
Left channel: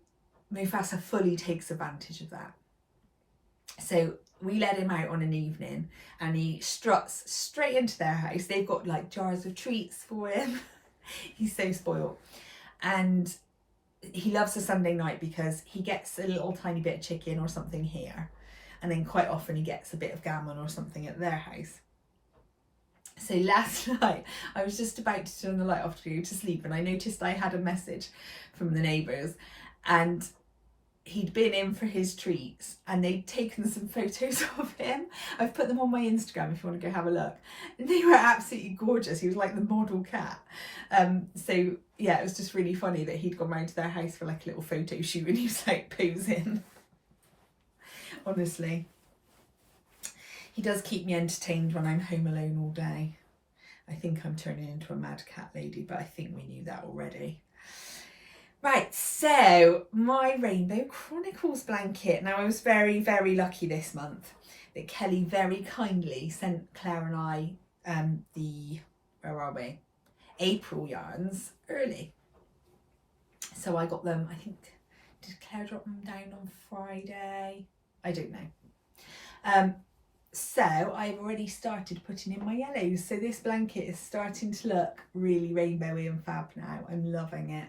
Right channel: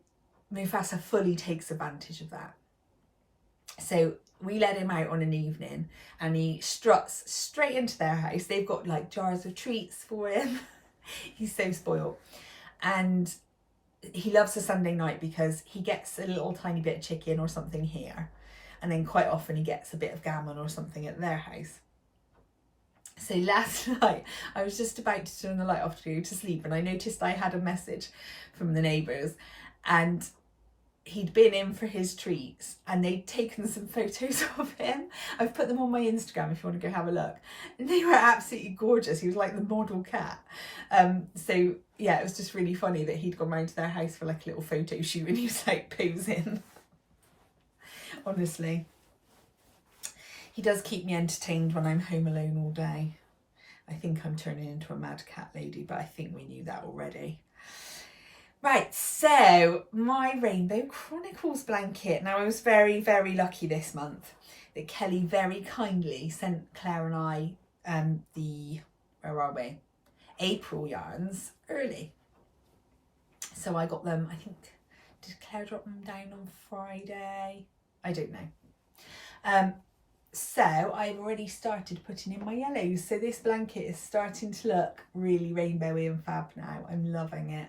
Mufasa fully takes advantage of that. So we let him out on an evening and he struts straight into their house. They've got like jars of treats for him. He's so spoiled. And he loves a Sunday night because he gets a little tiny bit of chicken or something here. And then quite often he gets a bit of gammon or something at their house. So last night I was just about to turn the light off to go to sleep and I noticed I had a message from the neighbours and he'd been in for his treats and they'd taken some photos of him. I've put them on my Instagram if you want to go have a look. And they were absolutely gorgeous. He was like the model cat. So yeah, it was just really funny that he'd gone round to their house for like a little photo shoot and he was like posing. Honestly. He does keep me entertained when I'm home alone all day. I think I'm turning into a mad cat lady, but I think we knew that already. Right, so my Rainbow Chronicles blanket. Now I was very, very lucky this month that Kelly very kindly sent Claire and I where are we? April yarns early. So I got them, I think, did Claire drop them down on Friday? I don't know. So I've already started putting in my yellows. So this blanket is starting to look really rainbowy and fab now. I'm loving it.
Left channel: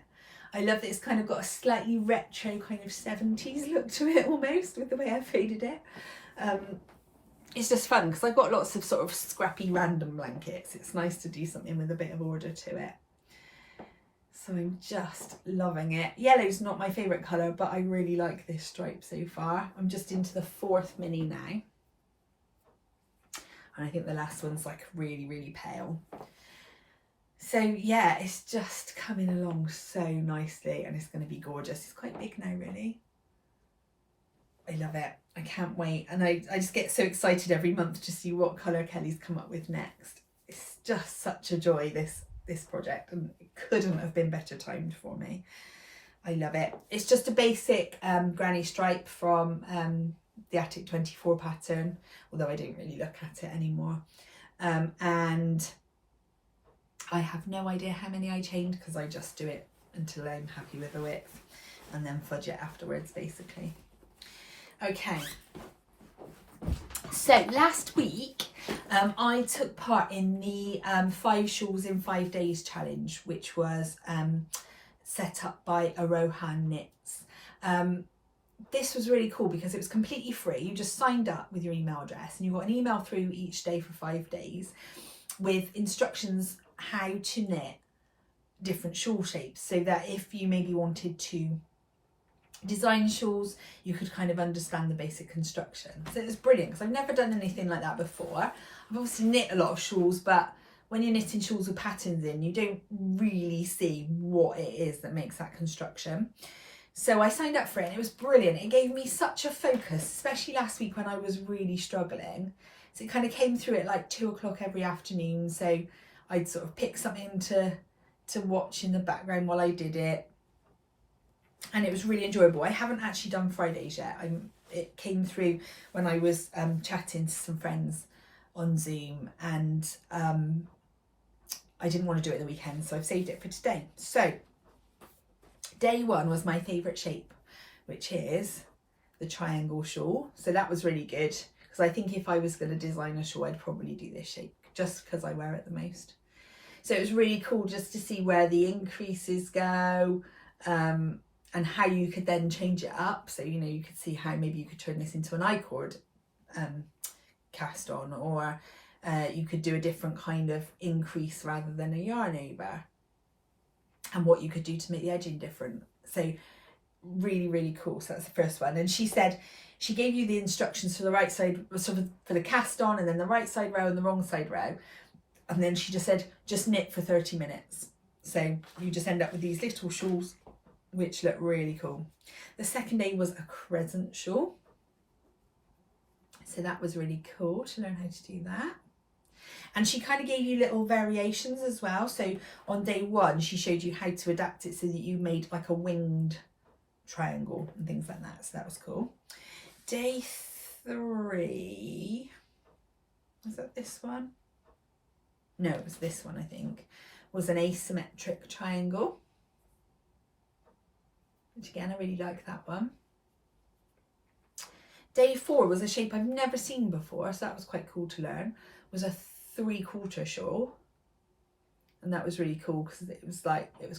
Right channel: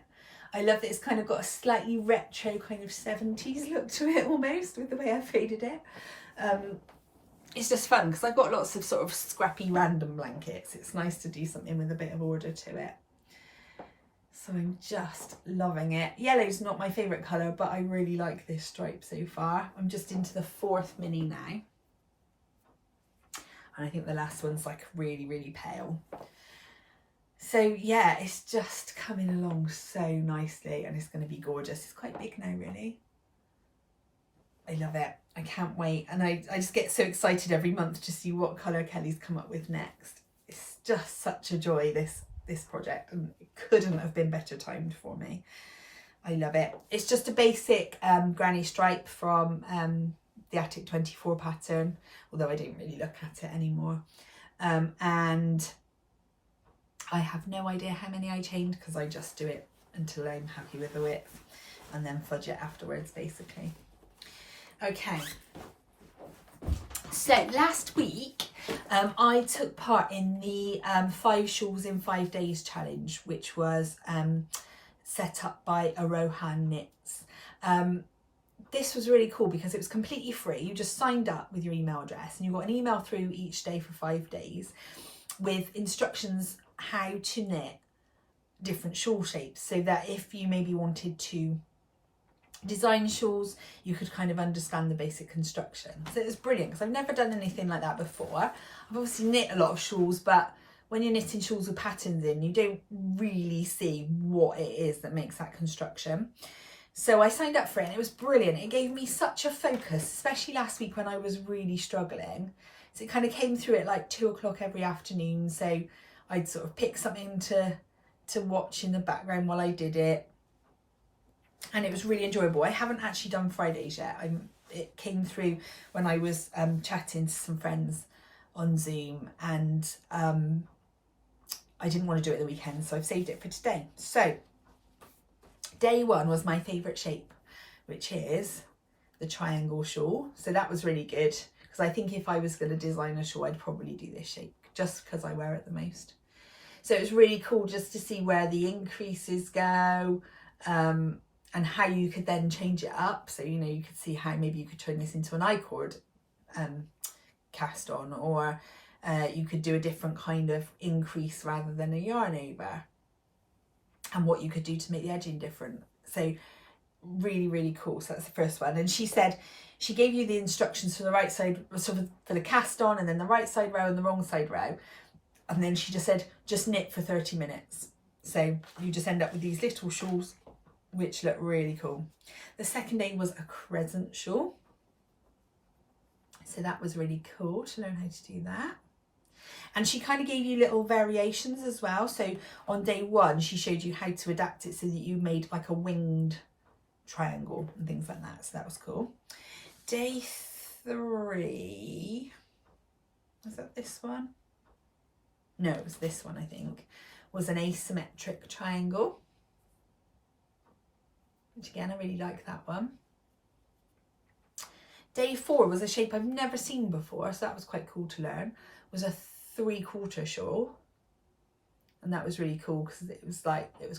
I love that it's kind of got a slightly retro kind of 70s look to it almost with the way I faded it. It's just fun because I've got lots of sort of scrappy random blankets. It's nice to do something with a bit of order to it. So I'm just loving it. Yellow's not my favourite colour, but I really like this stripe so far. I'm just into the 4th mini now. And I think the last one's like really, really pale. So yeah, it's just coming along so nicely and it's going to be gorgeous. It's quite big now, really. I love it. I can't wait. And I just get so excited every month to see what colour Kelly's come up with next. It's just such a joy, this project, and it couldn't have been better timed for me. I love it. It's just a basic granny stripe from the Attic 24 pattern, although I don't really look at it anymore. And I have no idea how many I chained because I just do it until I'm happy with the width and then fudge it afterwards, basically. Okay, so last week I took part in the 5 shawls in 5 days challenge, which was set up by Arohan Knits. This was really cool because it was completely free. You just signed up with your email address and you got an email through each day for 5 days with instructions how to knit different shawl shapes, so that if you maybe wanted to design shawls, you could kind of understand the basic construction. So it was brilliant because I've never done anything like that before. I've obviously knit a lot of shawls, but when you're knitting shawls with patterns in, you don't really see what it is that makes that construction. So I signed up for it and it was brilliant. It gave me such a focus, especially last week when I was really struggling. So it kind of came through at like 2 o'clock every afternoon. So I'd sort of pick something to watch in the background while I did it. And it was really enjoyable. I haven't actually done Fridays yet. It came through when I was chatting to some friends on Zoom, and I didn't want to do it the weekend, so I've saved it for today. So day 1 was my favourite shape, which is the triangle shawl. So that was really good because I think if I was going to design a shawl, I'd probably do this shape just because I wear it the most. So it was really cool just to see where the increases go, and how you could then change it up. So, you know, you could see how maybe you could turn this into an I-cord cast on, or you could do a different kind of increase rather than a yarn over, and what you could do to make the edging different. So really, really cool. So that's the first one. And she said she gave you the instructions for the right side, sort of for the cast on, and then the right side row and the wrong side row. And then she just said, just knit for 30 minutes. So you just end up with these little shawls, which look really cool. The second day was a crescent shawl. So that was really cool to learn how to do that. And she kind of gave you little variations as well. So on day 1, she showed you how to adapt it so that you made like a winged triangle and things like that. So that was cool. Day 3, was that this one? No, it was this one, I think, was an asymmetric triangle. which again, I really like that one. Day 4 was a shape I've never seen before, so that was quite cool to learn. It was a 3/4 shawl. And that was really cool because it was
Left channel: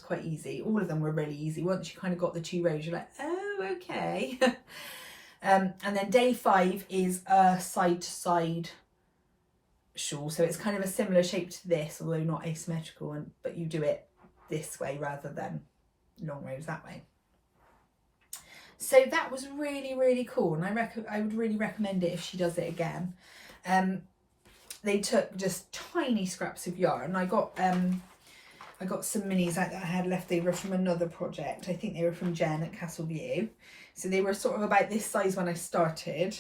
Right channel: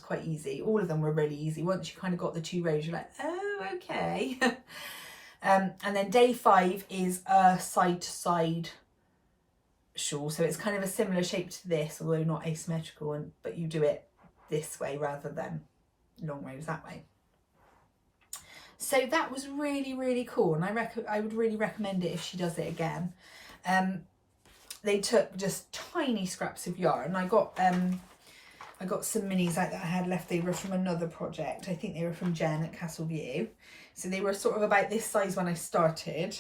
quite easy. All of them were really easy. Once you kind of got the 2 rows, you're like, oh, okay. And then day 5 is a side-to-side shawl. So it's kind of a similar shape to this, although not asymmetrical, but you do it this way rather than long rows that way. So that was really, really cool. And I would really recommend it if she does it again. They took just tiny scraps of yarn. I got some minis out that I had left over from another project. I think they were from Jen at Castle View. So they were sort of about this size when I started,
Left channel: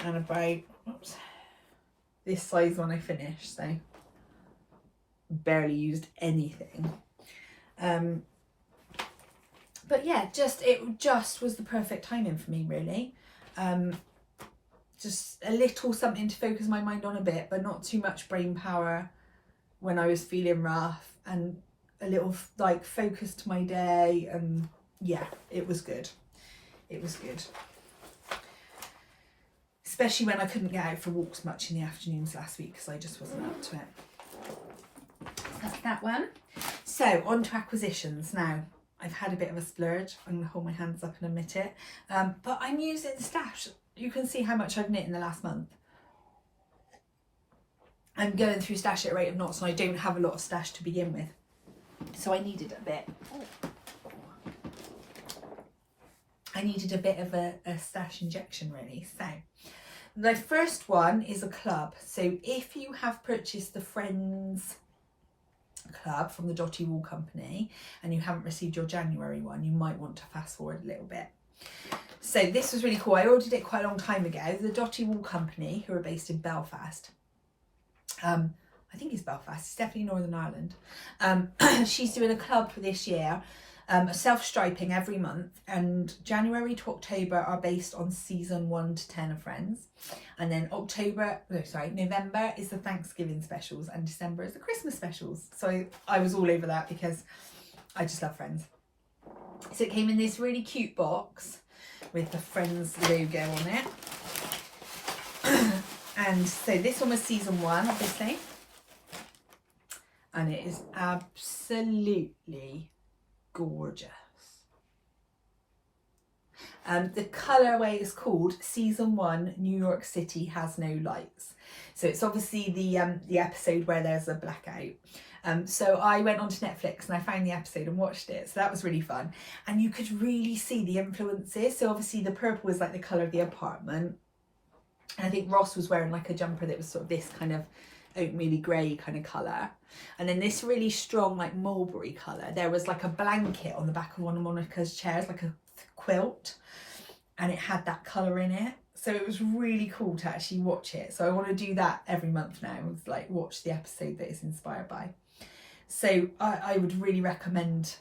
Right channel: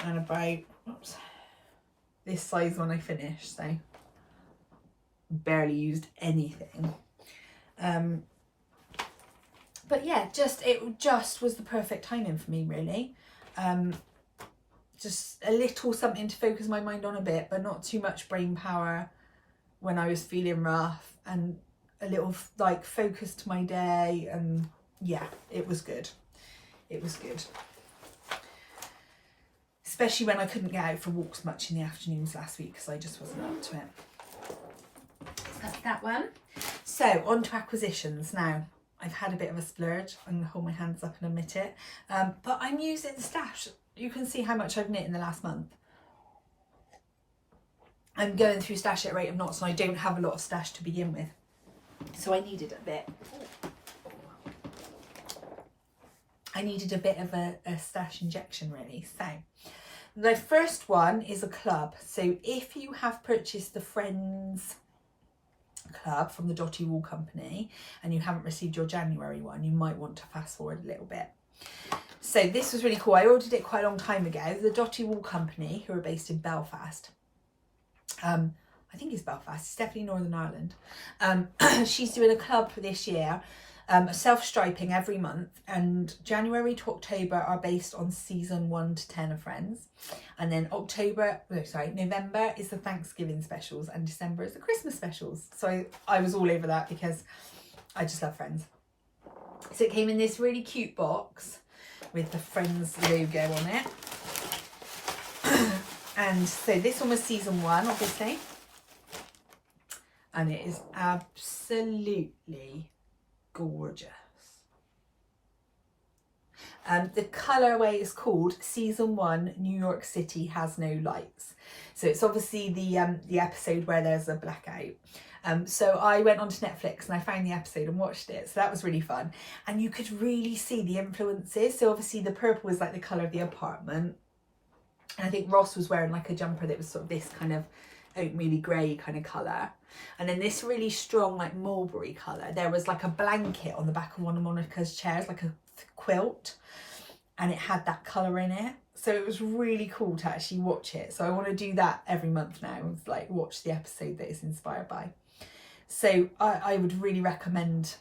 and about this size when I finished. So barely used anything. But yeah, it just was the perfect timing for me, really. Just a little something to focus my mind on a bit, but not too much brain power when I was feeling rough, and a little like focus to my day. And yeah, it was good. It was good. Especially when I couldn't get out for walks much in the afternoons last week because I just wasn't up to it. So that's that one. So on to acquisitions now. I've had a bit of a splurge. I'm going to hold my hands up and admit it. But I'm using stash. You can see how much I've knit in the last month. I'm going through stash at a rate of knots, and I don't have a lot of stash to begin with. So I needed a bit. I needed a bit of a stash injection, really. So the first one is a club. So if you have purchased the Friends club from the Dotty Wool Company and you haven't received your January one, you might want to fast forward a little bit. So this was really cool. I ordered it quite a long time ago. The Dotty Wool Company, who are based in Belfast, I think it's Belfast, it's definitely Northern Ireland. She's doing a club for this year, self-striping every month, and January to October are based on season 1 to 10 of Friends, and then November is the Thanksgiving specials, and December is the Christmas specials. So I was all over that because I just love Friends. So it came in this really cute box with the Friends logo on it. And so this one was season 1, obviously, and it is absolutely gorgeous. The colourway is called Season 1 New York City Has No Lights. So it's obviously the episode where there's a blackout. So I went onto Netflix and I found the episode and watched it. So that was really fun. And you could really see the influences. So obviously the purple was like the colour of the apartment. And I think Ross was wearing like a jumper that was sort of this kind of oatmeal grey kind of colour. And then this really strong like mulberry colour. There was like a blanket on the back of one of Monica's chairs, like a quilt. And it had that colour in it. So it was really cool to actually watch it. So I want to do that every month now. Like watch the episode that is inspired by. So I would really recommend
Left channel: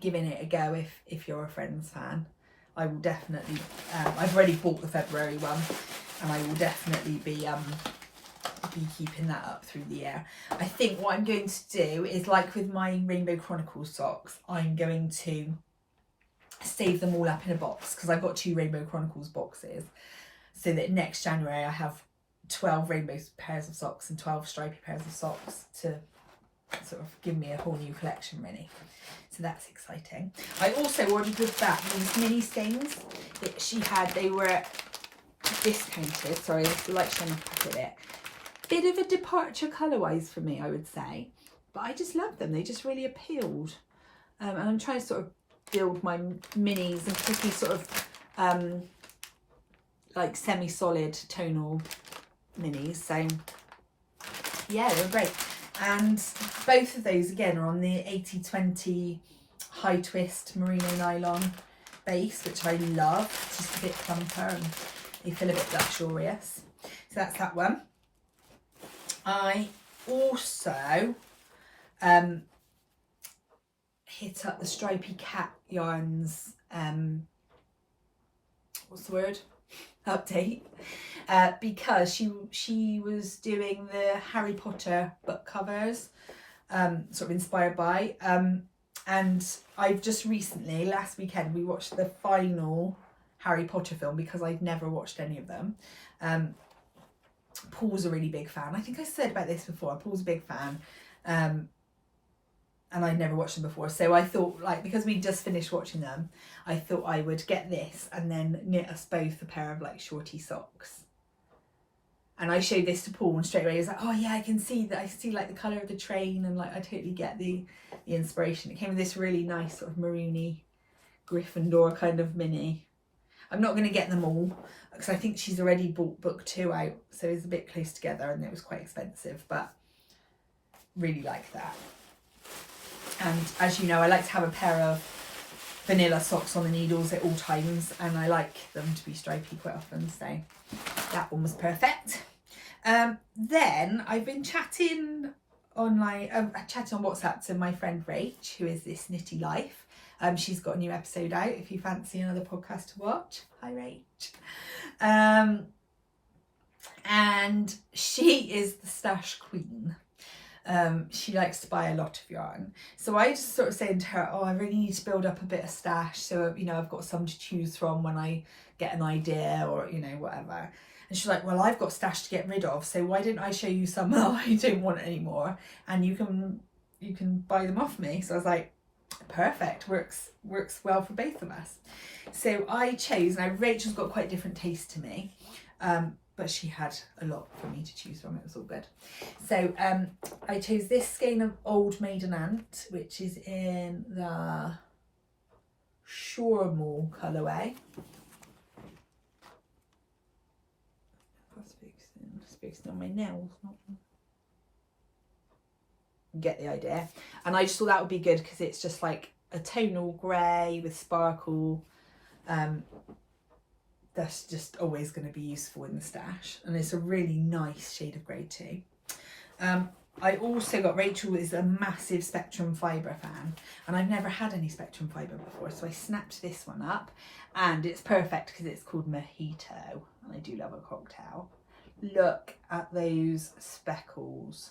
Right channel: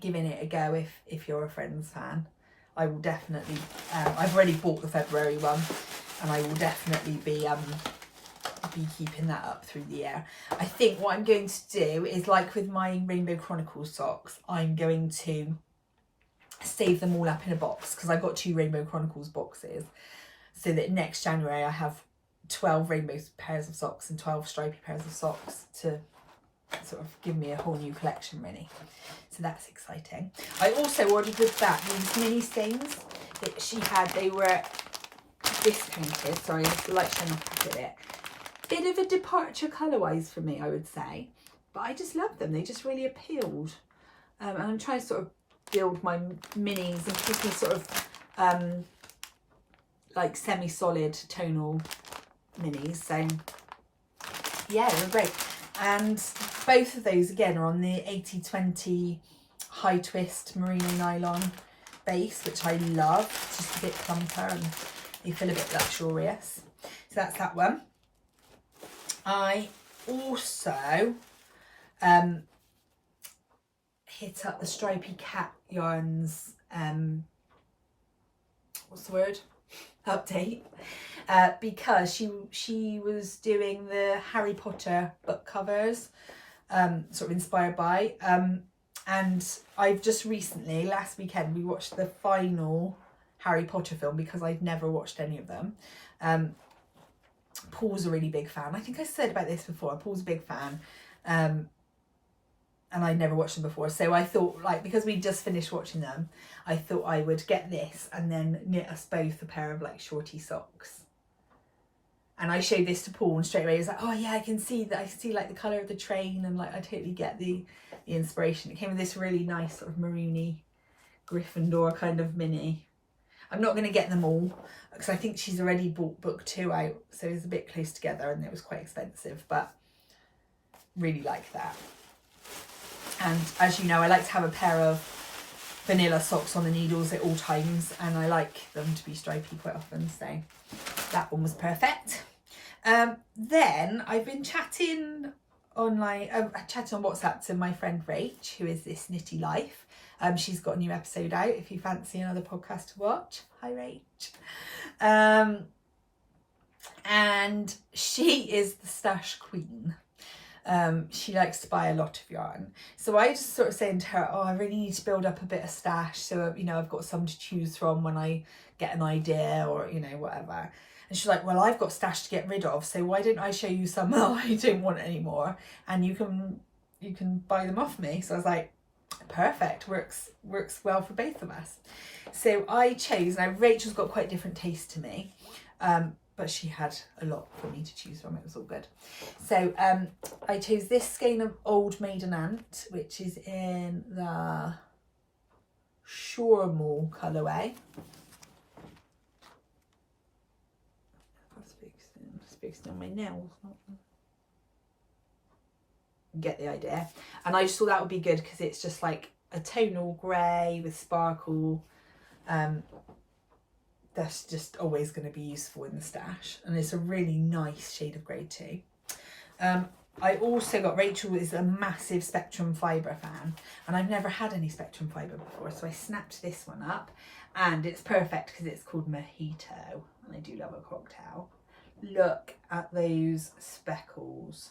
giving it a go if you're a Friends fan. I will definitely, I've already bought the February one, and I will definitely be keeping that up through the year. I think what I'm going to do is, like with my Rainbow Chronicles socks, I'm going to save them all up in a box because I've got 2 Rainbow Chronicles boxes, so that next January I have 12 rainbow pairs of socks and 12 stripy pairs of socks to sort of give me a whole new collection, really. So that's exciting. I also ordered with that these mini skeins that she had. They were discounted. Sorry, the light shine off a bit. Bit of a departure colour-wise for me, I would say. But I just love them. They just really appealed. And I'm trying to sort of build my minis and pretty sort of like semi-solid tonal minis. So yeah, they're great. And both of those again are on the 80/20 high twist merino nylon base, which I love. It's just a bit plumper and they feel a bit luxurious. So that's that one. I also hit up the Stripy Cat Yarns what's the word? Update. Because she was doing the Harry Potter book covers, sort of inspired by, And I've just recently, last weekend, we watched the final Harry Potter film because I'd never watched any of them. Paul's a really big fan. I think I said about this before. Paul's a big fan. And I'd never watched them before. So I thought, like, because we just finished watching them, I thought I would get this and then knit us both a pair of like shorty socks. And I showed this to Paul and straight away he was like, oh yeah, I can see that. I see like the colour of the train and like I totally get the inspiration. It came with this really nice sort of maroony Gryffindor kind of mini. I'm not going to get them all because I think she's already bought book 2 out. So it's a bit close together and it was quite expensive, but really like that. And as you know, I like to have a pair of vanilla socks on the needles at all times, and I like them to be stripy quite often, so that one was perfect. Then I've been chatting online, chatting on WhatsApp to my friend Rach, who is This Nitty Life. She's got a new episode out if you fancy another podcast to watch. Hi Rach. And she is the stash queen. She likes to buy a lot of yarn. So I just sort of saying to her, oh, I really need to build up a bit of stash. So, you know, I've got some to choose from when I get an idea or, you know, whatever. And she's like, well, I've got stash to get rid of. So why don't I show you some that I don't want anymore? And you can buy them off me. So I was like, perfect. Works well for both of us. So I chose, now Rachel's got quite different taste to me. But she had a lot for me to choose from. It was all good. So I chose this skein of Old Maiden Aunt, which is in the Shawl colourway. It's fixing on my nails. Get the idea. And I just thought that would be good because it's just like a tonal grey with sparkle. That's just always going to be useful in the stash, and it's a really nice shade of grey too. I also got, Rachel is a massive Spectrum Fibre fan, and I've never had any Spectrum Fibre before, so I snapped this one up, and it's perfect because it's called Mojito, and I do love a cocktail. Look at those speckles.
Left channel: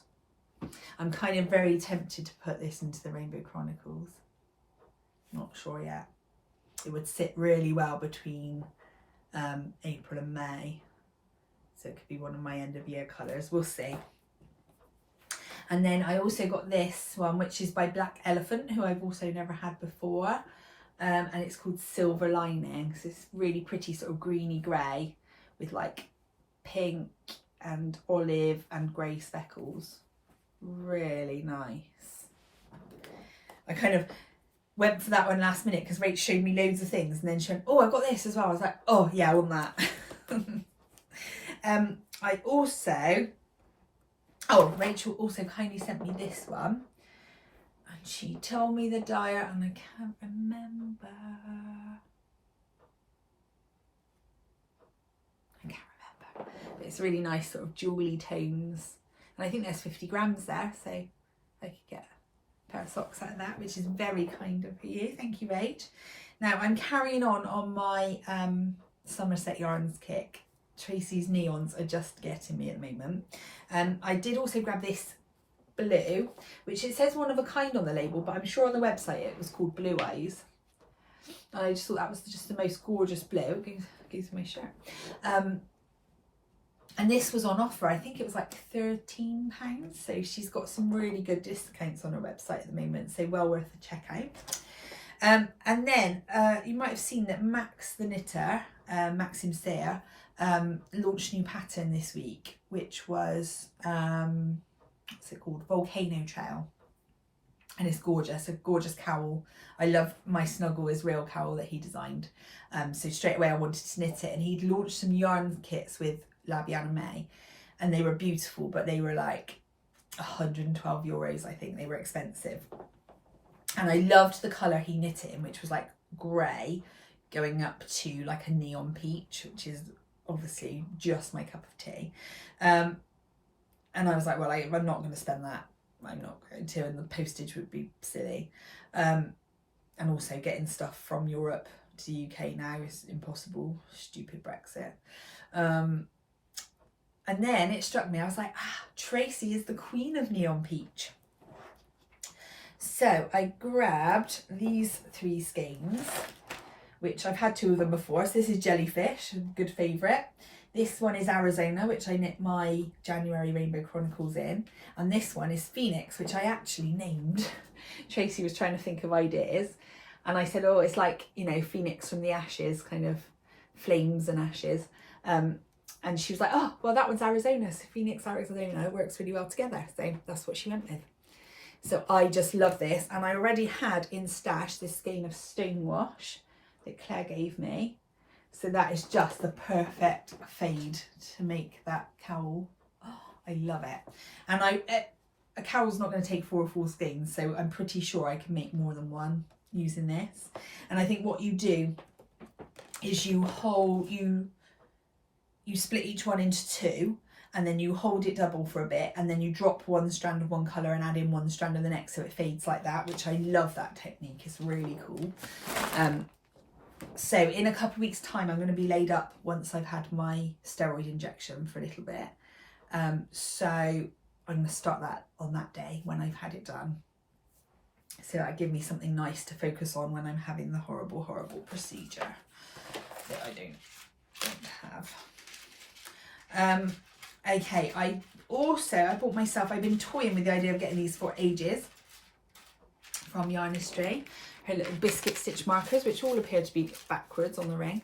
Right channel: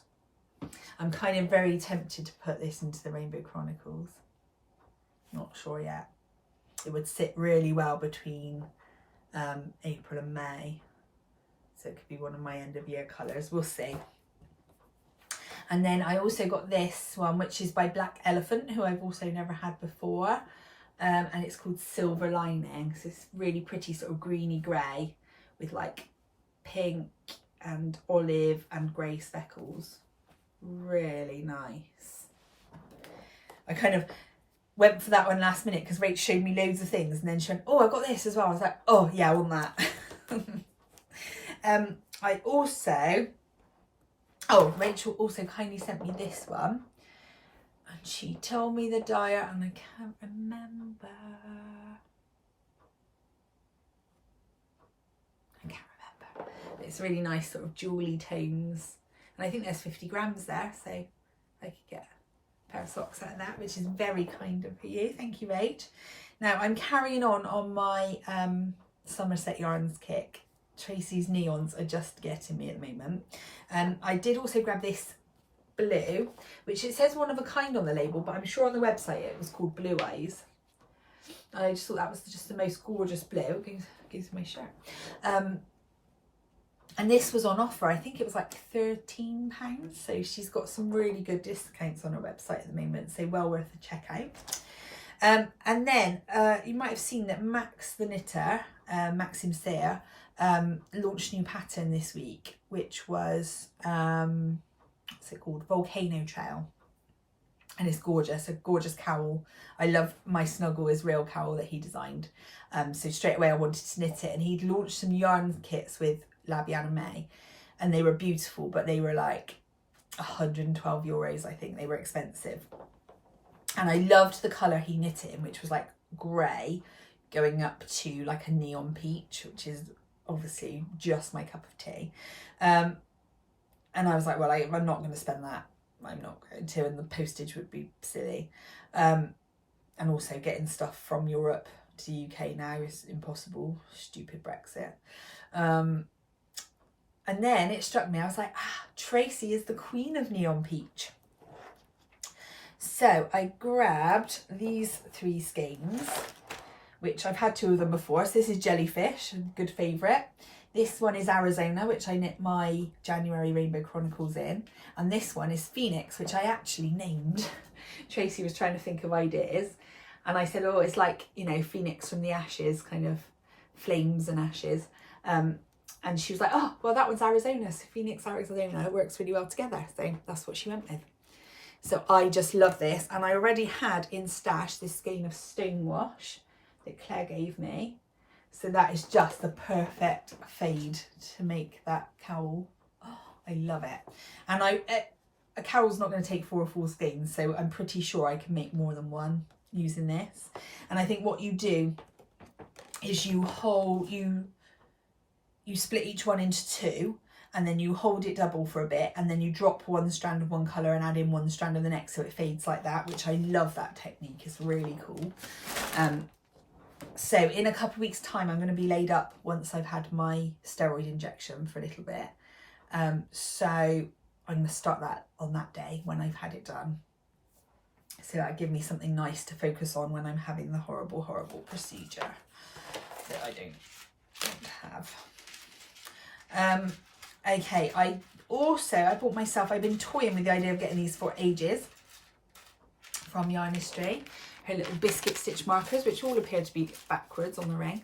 I'm kind of very tempted to put this into the Rainbow Chronicles. Not sure yet. It would sit really well between April and May, so it could be one of my end of year colours. We'll see. And then I also got this one, which is by Black Elephant, who I've also never had before, and it's called Silver Lining. So it's really pretty sort of greeny grey with like pink and olive and grey speckles. Really nice. I kind of went for that one last minute because Rach showed me loads of things, and then she went, oh, I've got this as well. I was like, oh yeah, I want that. I also, Rachel also kindly sent me this one, and she told me the dyer, and I can't remember. But it's really nice sort of jewelly tones, and I think there's 50 grams there, so I could get pair of socks out of that, which is very kind of you. Thank you, Rach. Now I'm carrying on my Somerset Yarns kick. Tracy's neons are just getting me at the moment. I did also grab this blue, which it says one of a kind on the label, but I'm sure on the website it was called Blue Eyes. I just thought that was just the most gorgeous blue. It goes with my shirt. And this was on offer. I think it was like £13. So she's got some really good discounts on her website at the moment. So well worth a check out. And then you might have seen that Max the knitter, Maxim Sayre, launched a new pattern this week, which was, what's it called? Volcano Trail. And it's gorgeous, a gorgeous cowl. I love my Snuggle Israel cowl that he designed. So straight away I wanted to knit it. And he'd launched some yarn kits with Labiana May, and they were beautiful, but they were like €112. I think they were expensive, and I loved the colour he knit it in, which was like grey going up to like a neon peach, which is obviously just my cup of tea. And I was like, well, I'm not going to spend that. I'm not going to, and the postage would be silly. And also getting stuff from Europe to the UK now is impossible. Stupid Brexit. And then it struck me, I was like, Tracy is the queen of neon peach. So I grabbed these 3 skeins, which I've had 2 of them before. So this is Jellyfish, a good favourite. This one is Arizona, which I knit my January Rainbow Chronicles in. And this one is Phoenix, which I actually named. Tracy was trying to think of ideas. And I said, oh, it's like, you know, Phoenix from the ashes, kind of flames and ashes. And she was like, oh, well, that one's Arizona. So Phoenix, Arizona, it works really well together. So that's what she went with. So I just love this. And I already had in stash this skein of Stonewash that Claire gave me. So that is just the perfect fade to make that cowl. Oh, I love it. And a cowl's not going to take 4 or 4 skeins, so I'm pretty sure I can make more than one using this. And I think what you do is you split each one into 2, and then you hold it double for a bit, and then you drop one strand of one colour and add in one strand of the next, so it fades like that, which I love that technique. It's really cool. So in a couple of weeks' time, I'm going to be laid up once I've had my steroid injection for a little bit. So I'm going to start that on that day when I've had it done. So that give me something nice to focus on when I'm having the horrible, horrible procedure that I don't have. Okay, I bought myself, I've been toying with the idea of getting these for ages from Yarnistry. Her little biscuit stitch markers, which all appear to be backwards on the ring.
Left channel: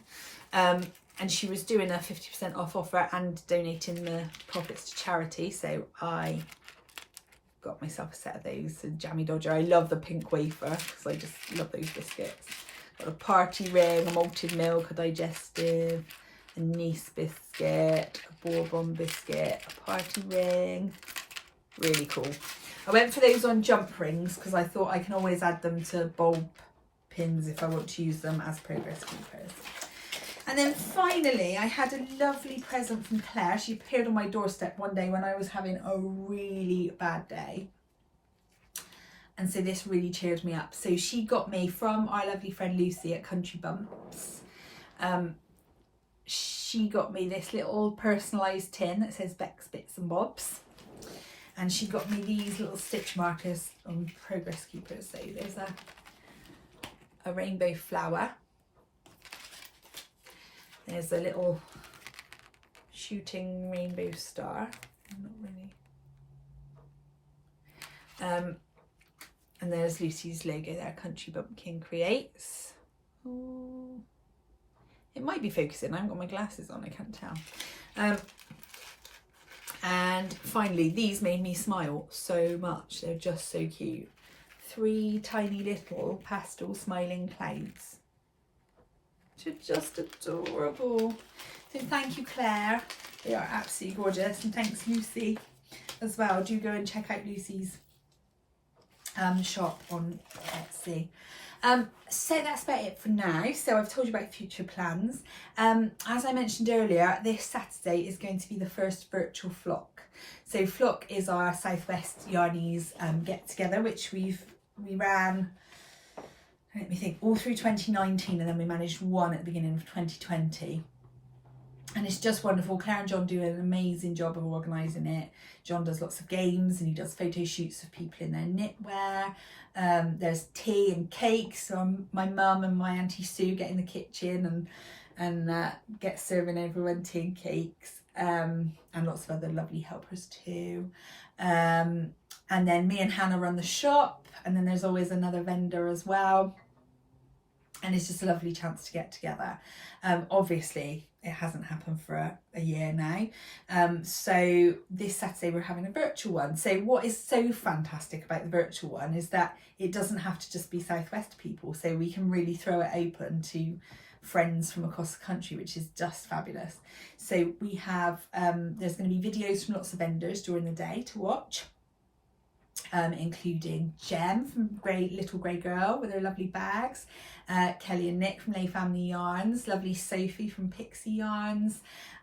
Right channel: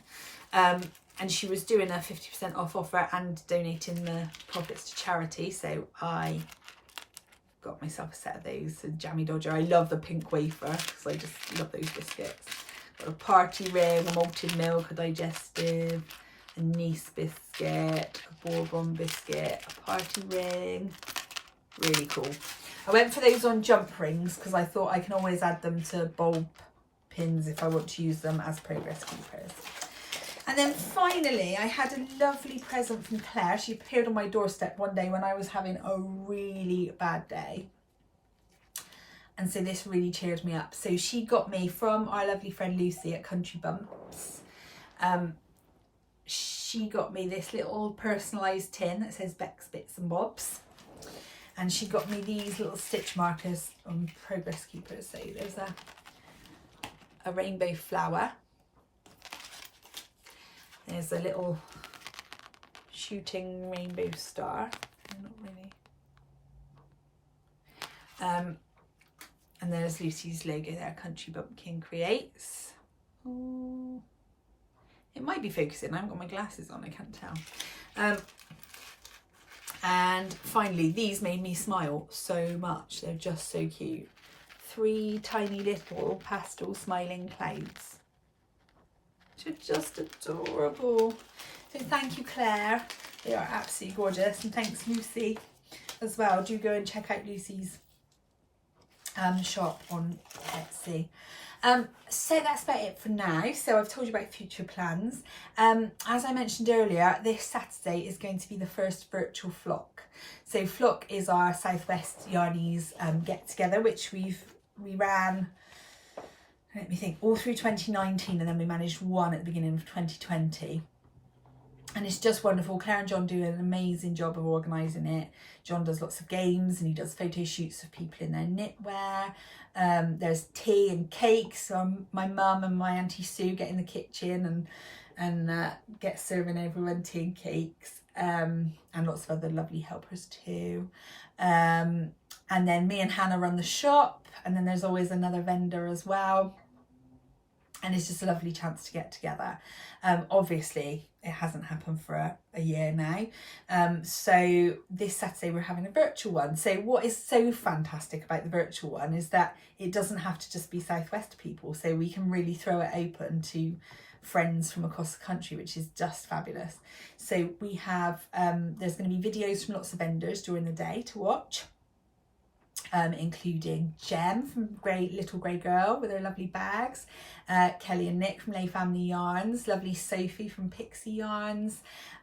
And she was doing a 50% off offer and donating the profits to charity. So I got myself a set of those. A Jammy Dodger. I love the pink wafer because I just love those biscuits. Got a party ring, a malted milk, a digestive, a Nice biscuit, a Bourbon biscuit, a party ring. Really cool. I went for those on jump rings because I thought I can always add them to bulb pins if I want to use them as progress keepers. And then finally, I had a lovely present from Claire. She appeared on my doorstep one day when I was having a really bad day. And so this really cheered me up. So she got me from our lovely friend Lucy at Country Bumps. She got me this little personalised tin that says Beks Bits and Bobs. And she got me these little stitch markers on progress keepers. So there's a rainbow flower. There's a little shooting rainbow star. Not really. And there's Lucy's logo there, Country Bumpkin Creates. Ooh. It might be focusing. I haven't got my glasses on, I can't tell. And finally, these made me smile so much. They're just so cute. 3 tiny little pastel smiling clouds. Which are just adorable. So thank you, Claire. They are absolutely gorgeous. And thanks, Lucy, as well. Do go and check out Lucy's shop on Etsy. So that's about it for now. So I've told you about future plans. As I mentioned earlier, this Saturday is going to be the first virtual flock. So flock is our Southwest Yarnies get together, which we ran, let me think, all through 2019, and then we managed one at the beginning of 2020. And it's just wonderful. Claire and John do an amazing job of organising it. John does lots of games and he does photo shoots of people in their knitwear. There's tea and cakes. So my mum and my Auntie Sue get in the kitchen and get serving everyone tea and cakes. And lots of other lovely helpers too. And then me and Hannah run the shop. And then there's always another vendor as well. And it's just a lovely chance to get together. Obviously, it hasn't happened for a year now. So this Saturday we're having a virtual one. So what is so fantastic about the virtual one is that it doesn't have to just be Southwest people. So we can really throw it open to friends from across the country, which is just fabulous. So we have, there's going to be videos from lots of vendors during the day to watch. Including Jem from Little Grey Girl with her lovely bags, Kelly and Nick from Lay Family Yarns, lovely Sophie from Pixie Yarns,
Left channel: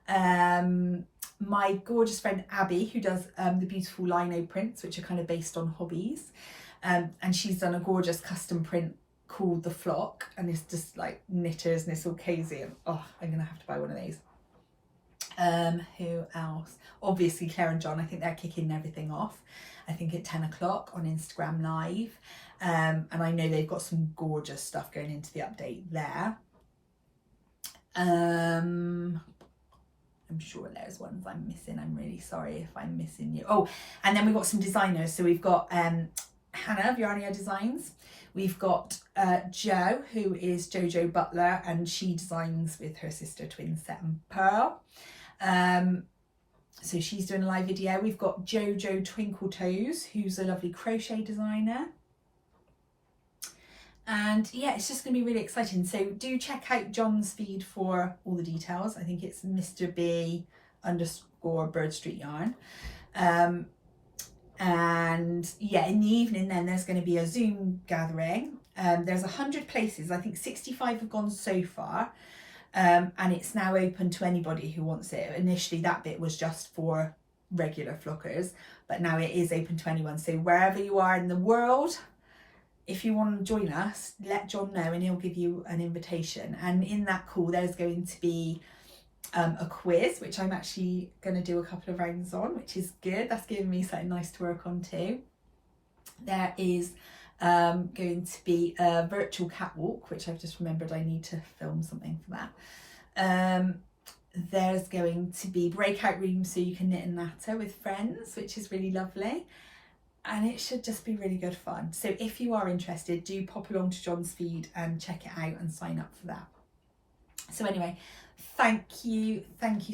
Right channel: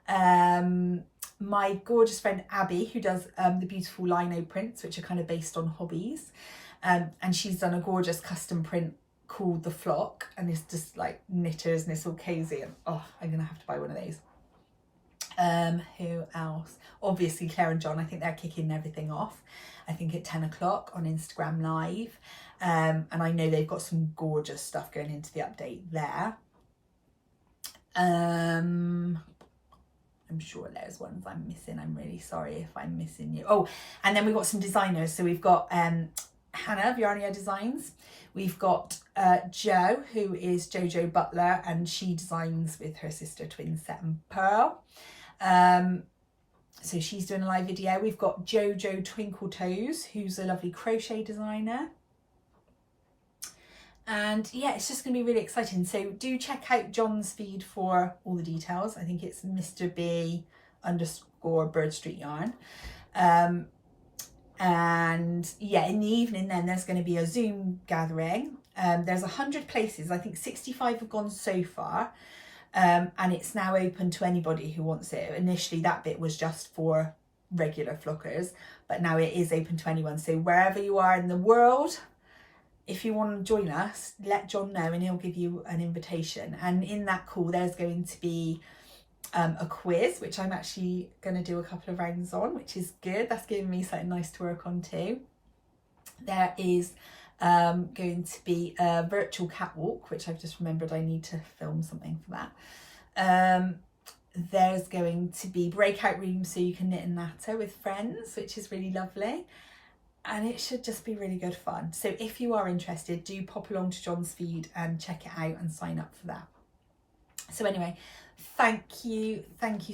my gorgeous friend Abby, who does the beautiful lino prints, which are kind of based on hobbies, and she's done a gorgeous custom print called The Flock, and it's just like knitters and it's all cozy, and oh, I'm gonna have to buy one of those. Who else? Obviously Claire and John, I think they're kicking everything off, I think at 10 o'clock on Instagram Live. And I know they've got some gorgeous stuff going into the update there. I'm sure there's ones I'm missing. I'm really sorry if I'm missing you. Oh, and then we've got some designers. So we've got Hannah of Yarnia Designs. We've got Jo, who is Jojo Butler, and she designs with her sister twin Set and Pearl. So she's doing a live video. We've got Jojo Twinkle Toes, who's a lovely crochet designer. And yeah, it's just going to be really exciting. So do check out John's feed for all the details. I think it's Mr. B _ Bird Street Yarn. And yeah, in the evening then there's going to be a Zoom gathering. There's 100 places. I think 65 have gone so far. And it's now open to anybody who wants it. Initially that bit was just for regular flockers, but now it is open to anyone. So wherever you are in the world, if you want to join us, let John know and he'll give you an invitation. And in that call, there's going to be a quiz, which I'm actually going to do a couple of rounds on, which is good. That's giving me something nice to work on too. There is going to be a virtual catwalk, which I've just remembered I need to film something for that. There's going to be breakout rooms so you can knit and natter with friends, which is really lovely. And it should just be really good fun. So if you are interested, do pop along to John's feed and check it out and sign up for that. So anyway, thank you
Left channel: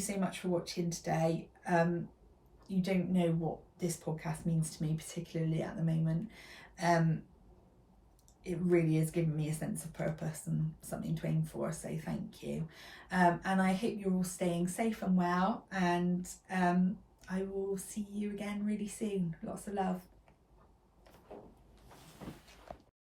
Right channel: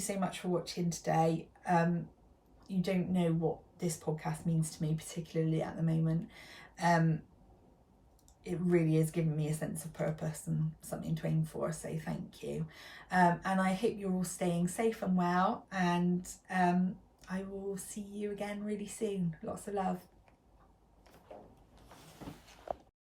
so much for watching today. You don't know what this podcast means to me, particularly at the moment. It really is giving me a sense of purpose and something to aim for, so thank you. And I hope you're all staying safe and well, and I will see you again really soon. Lots of love.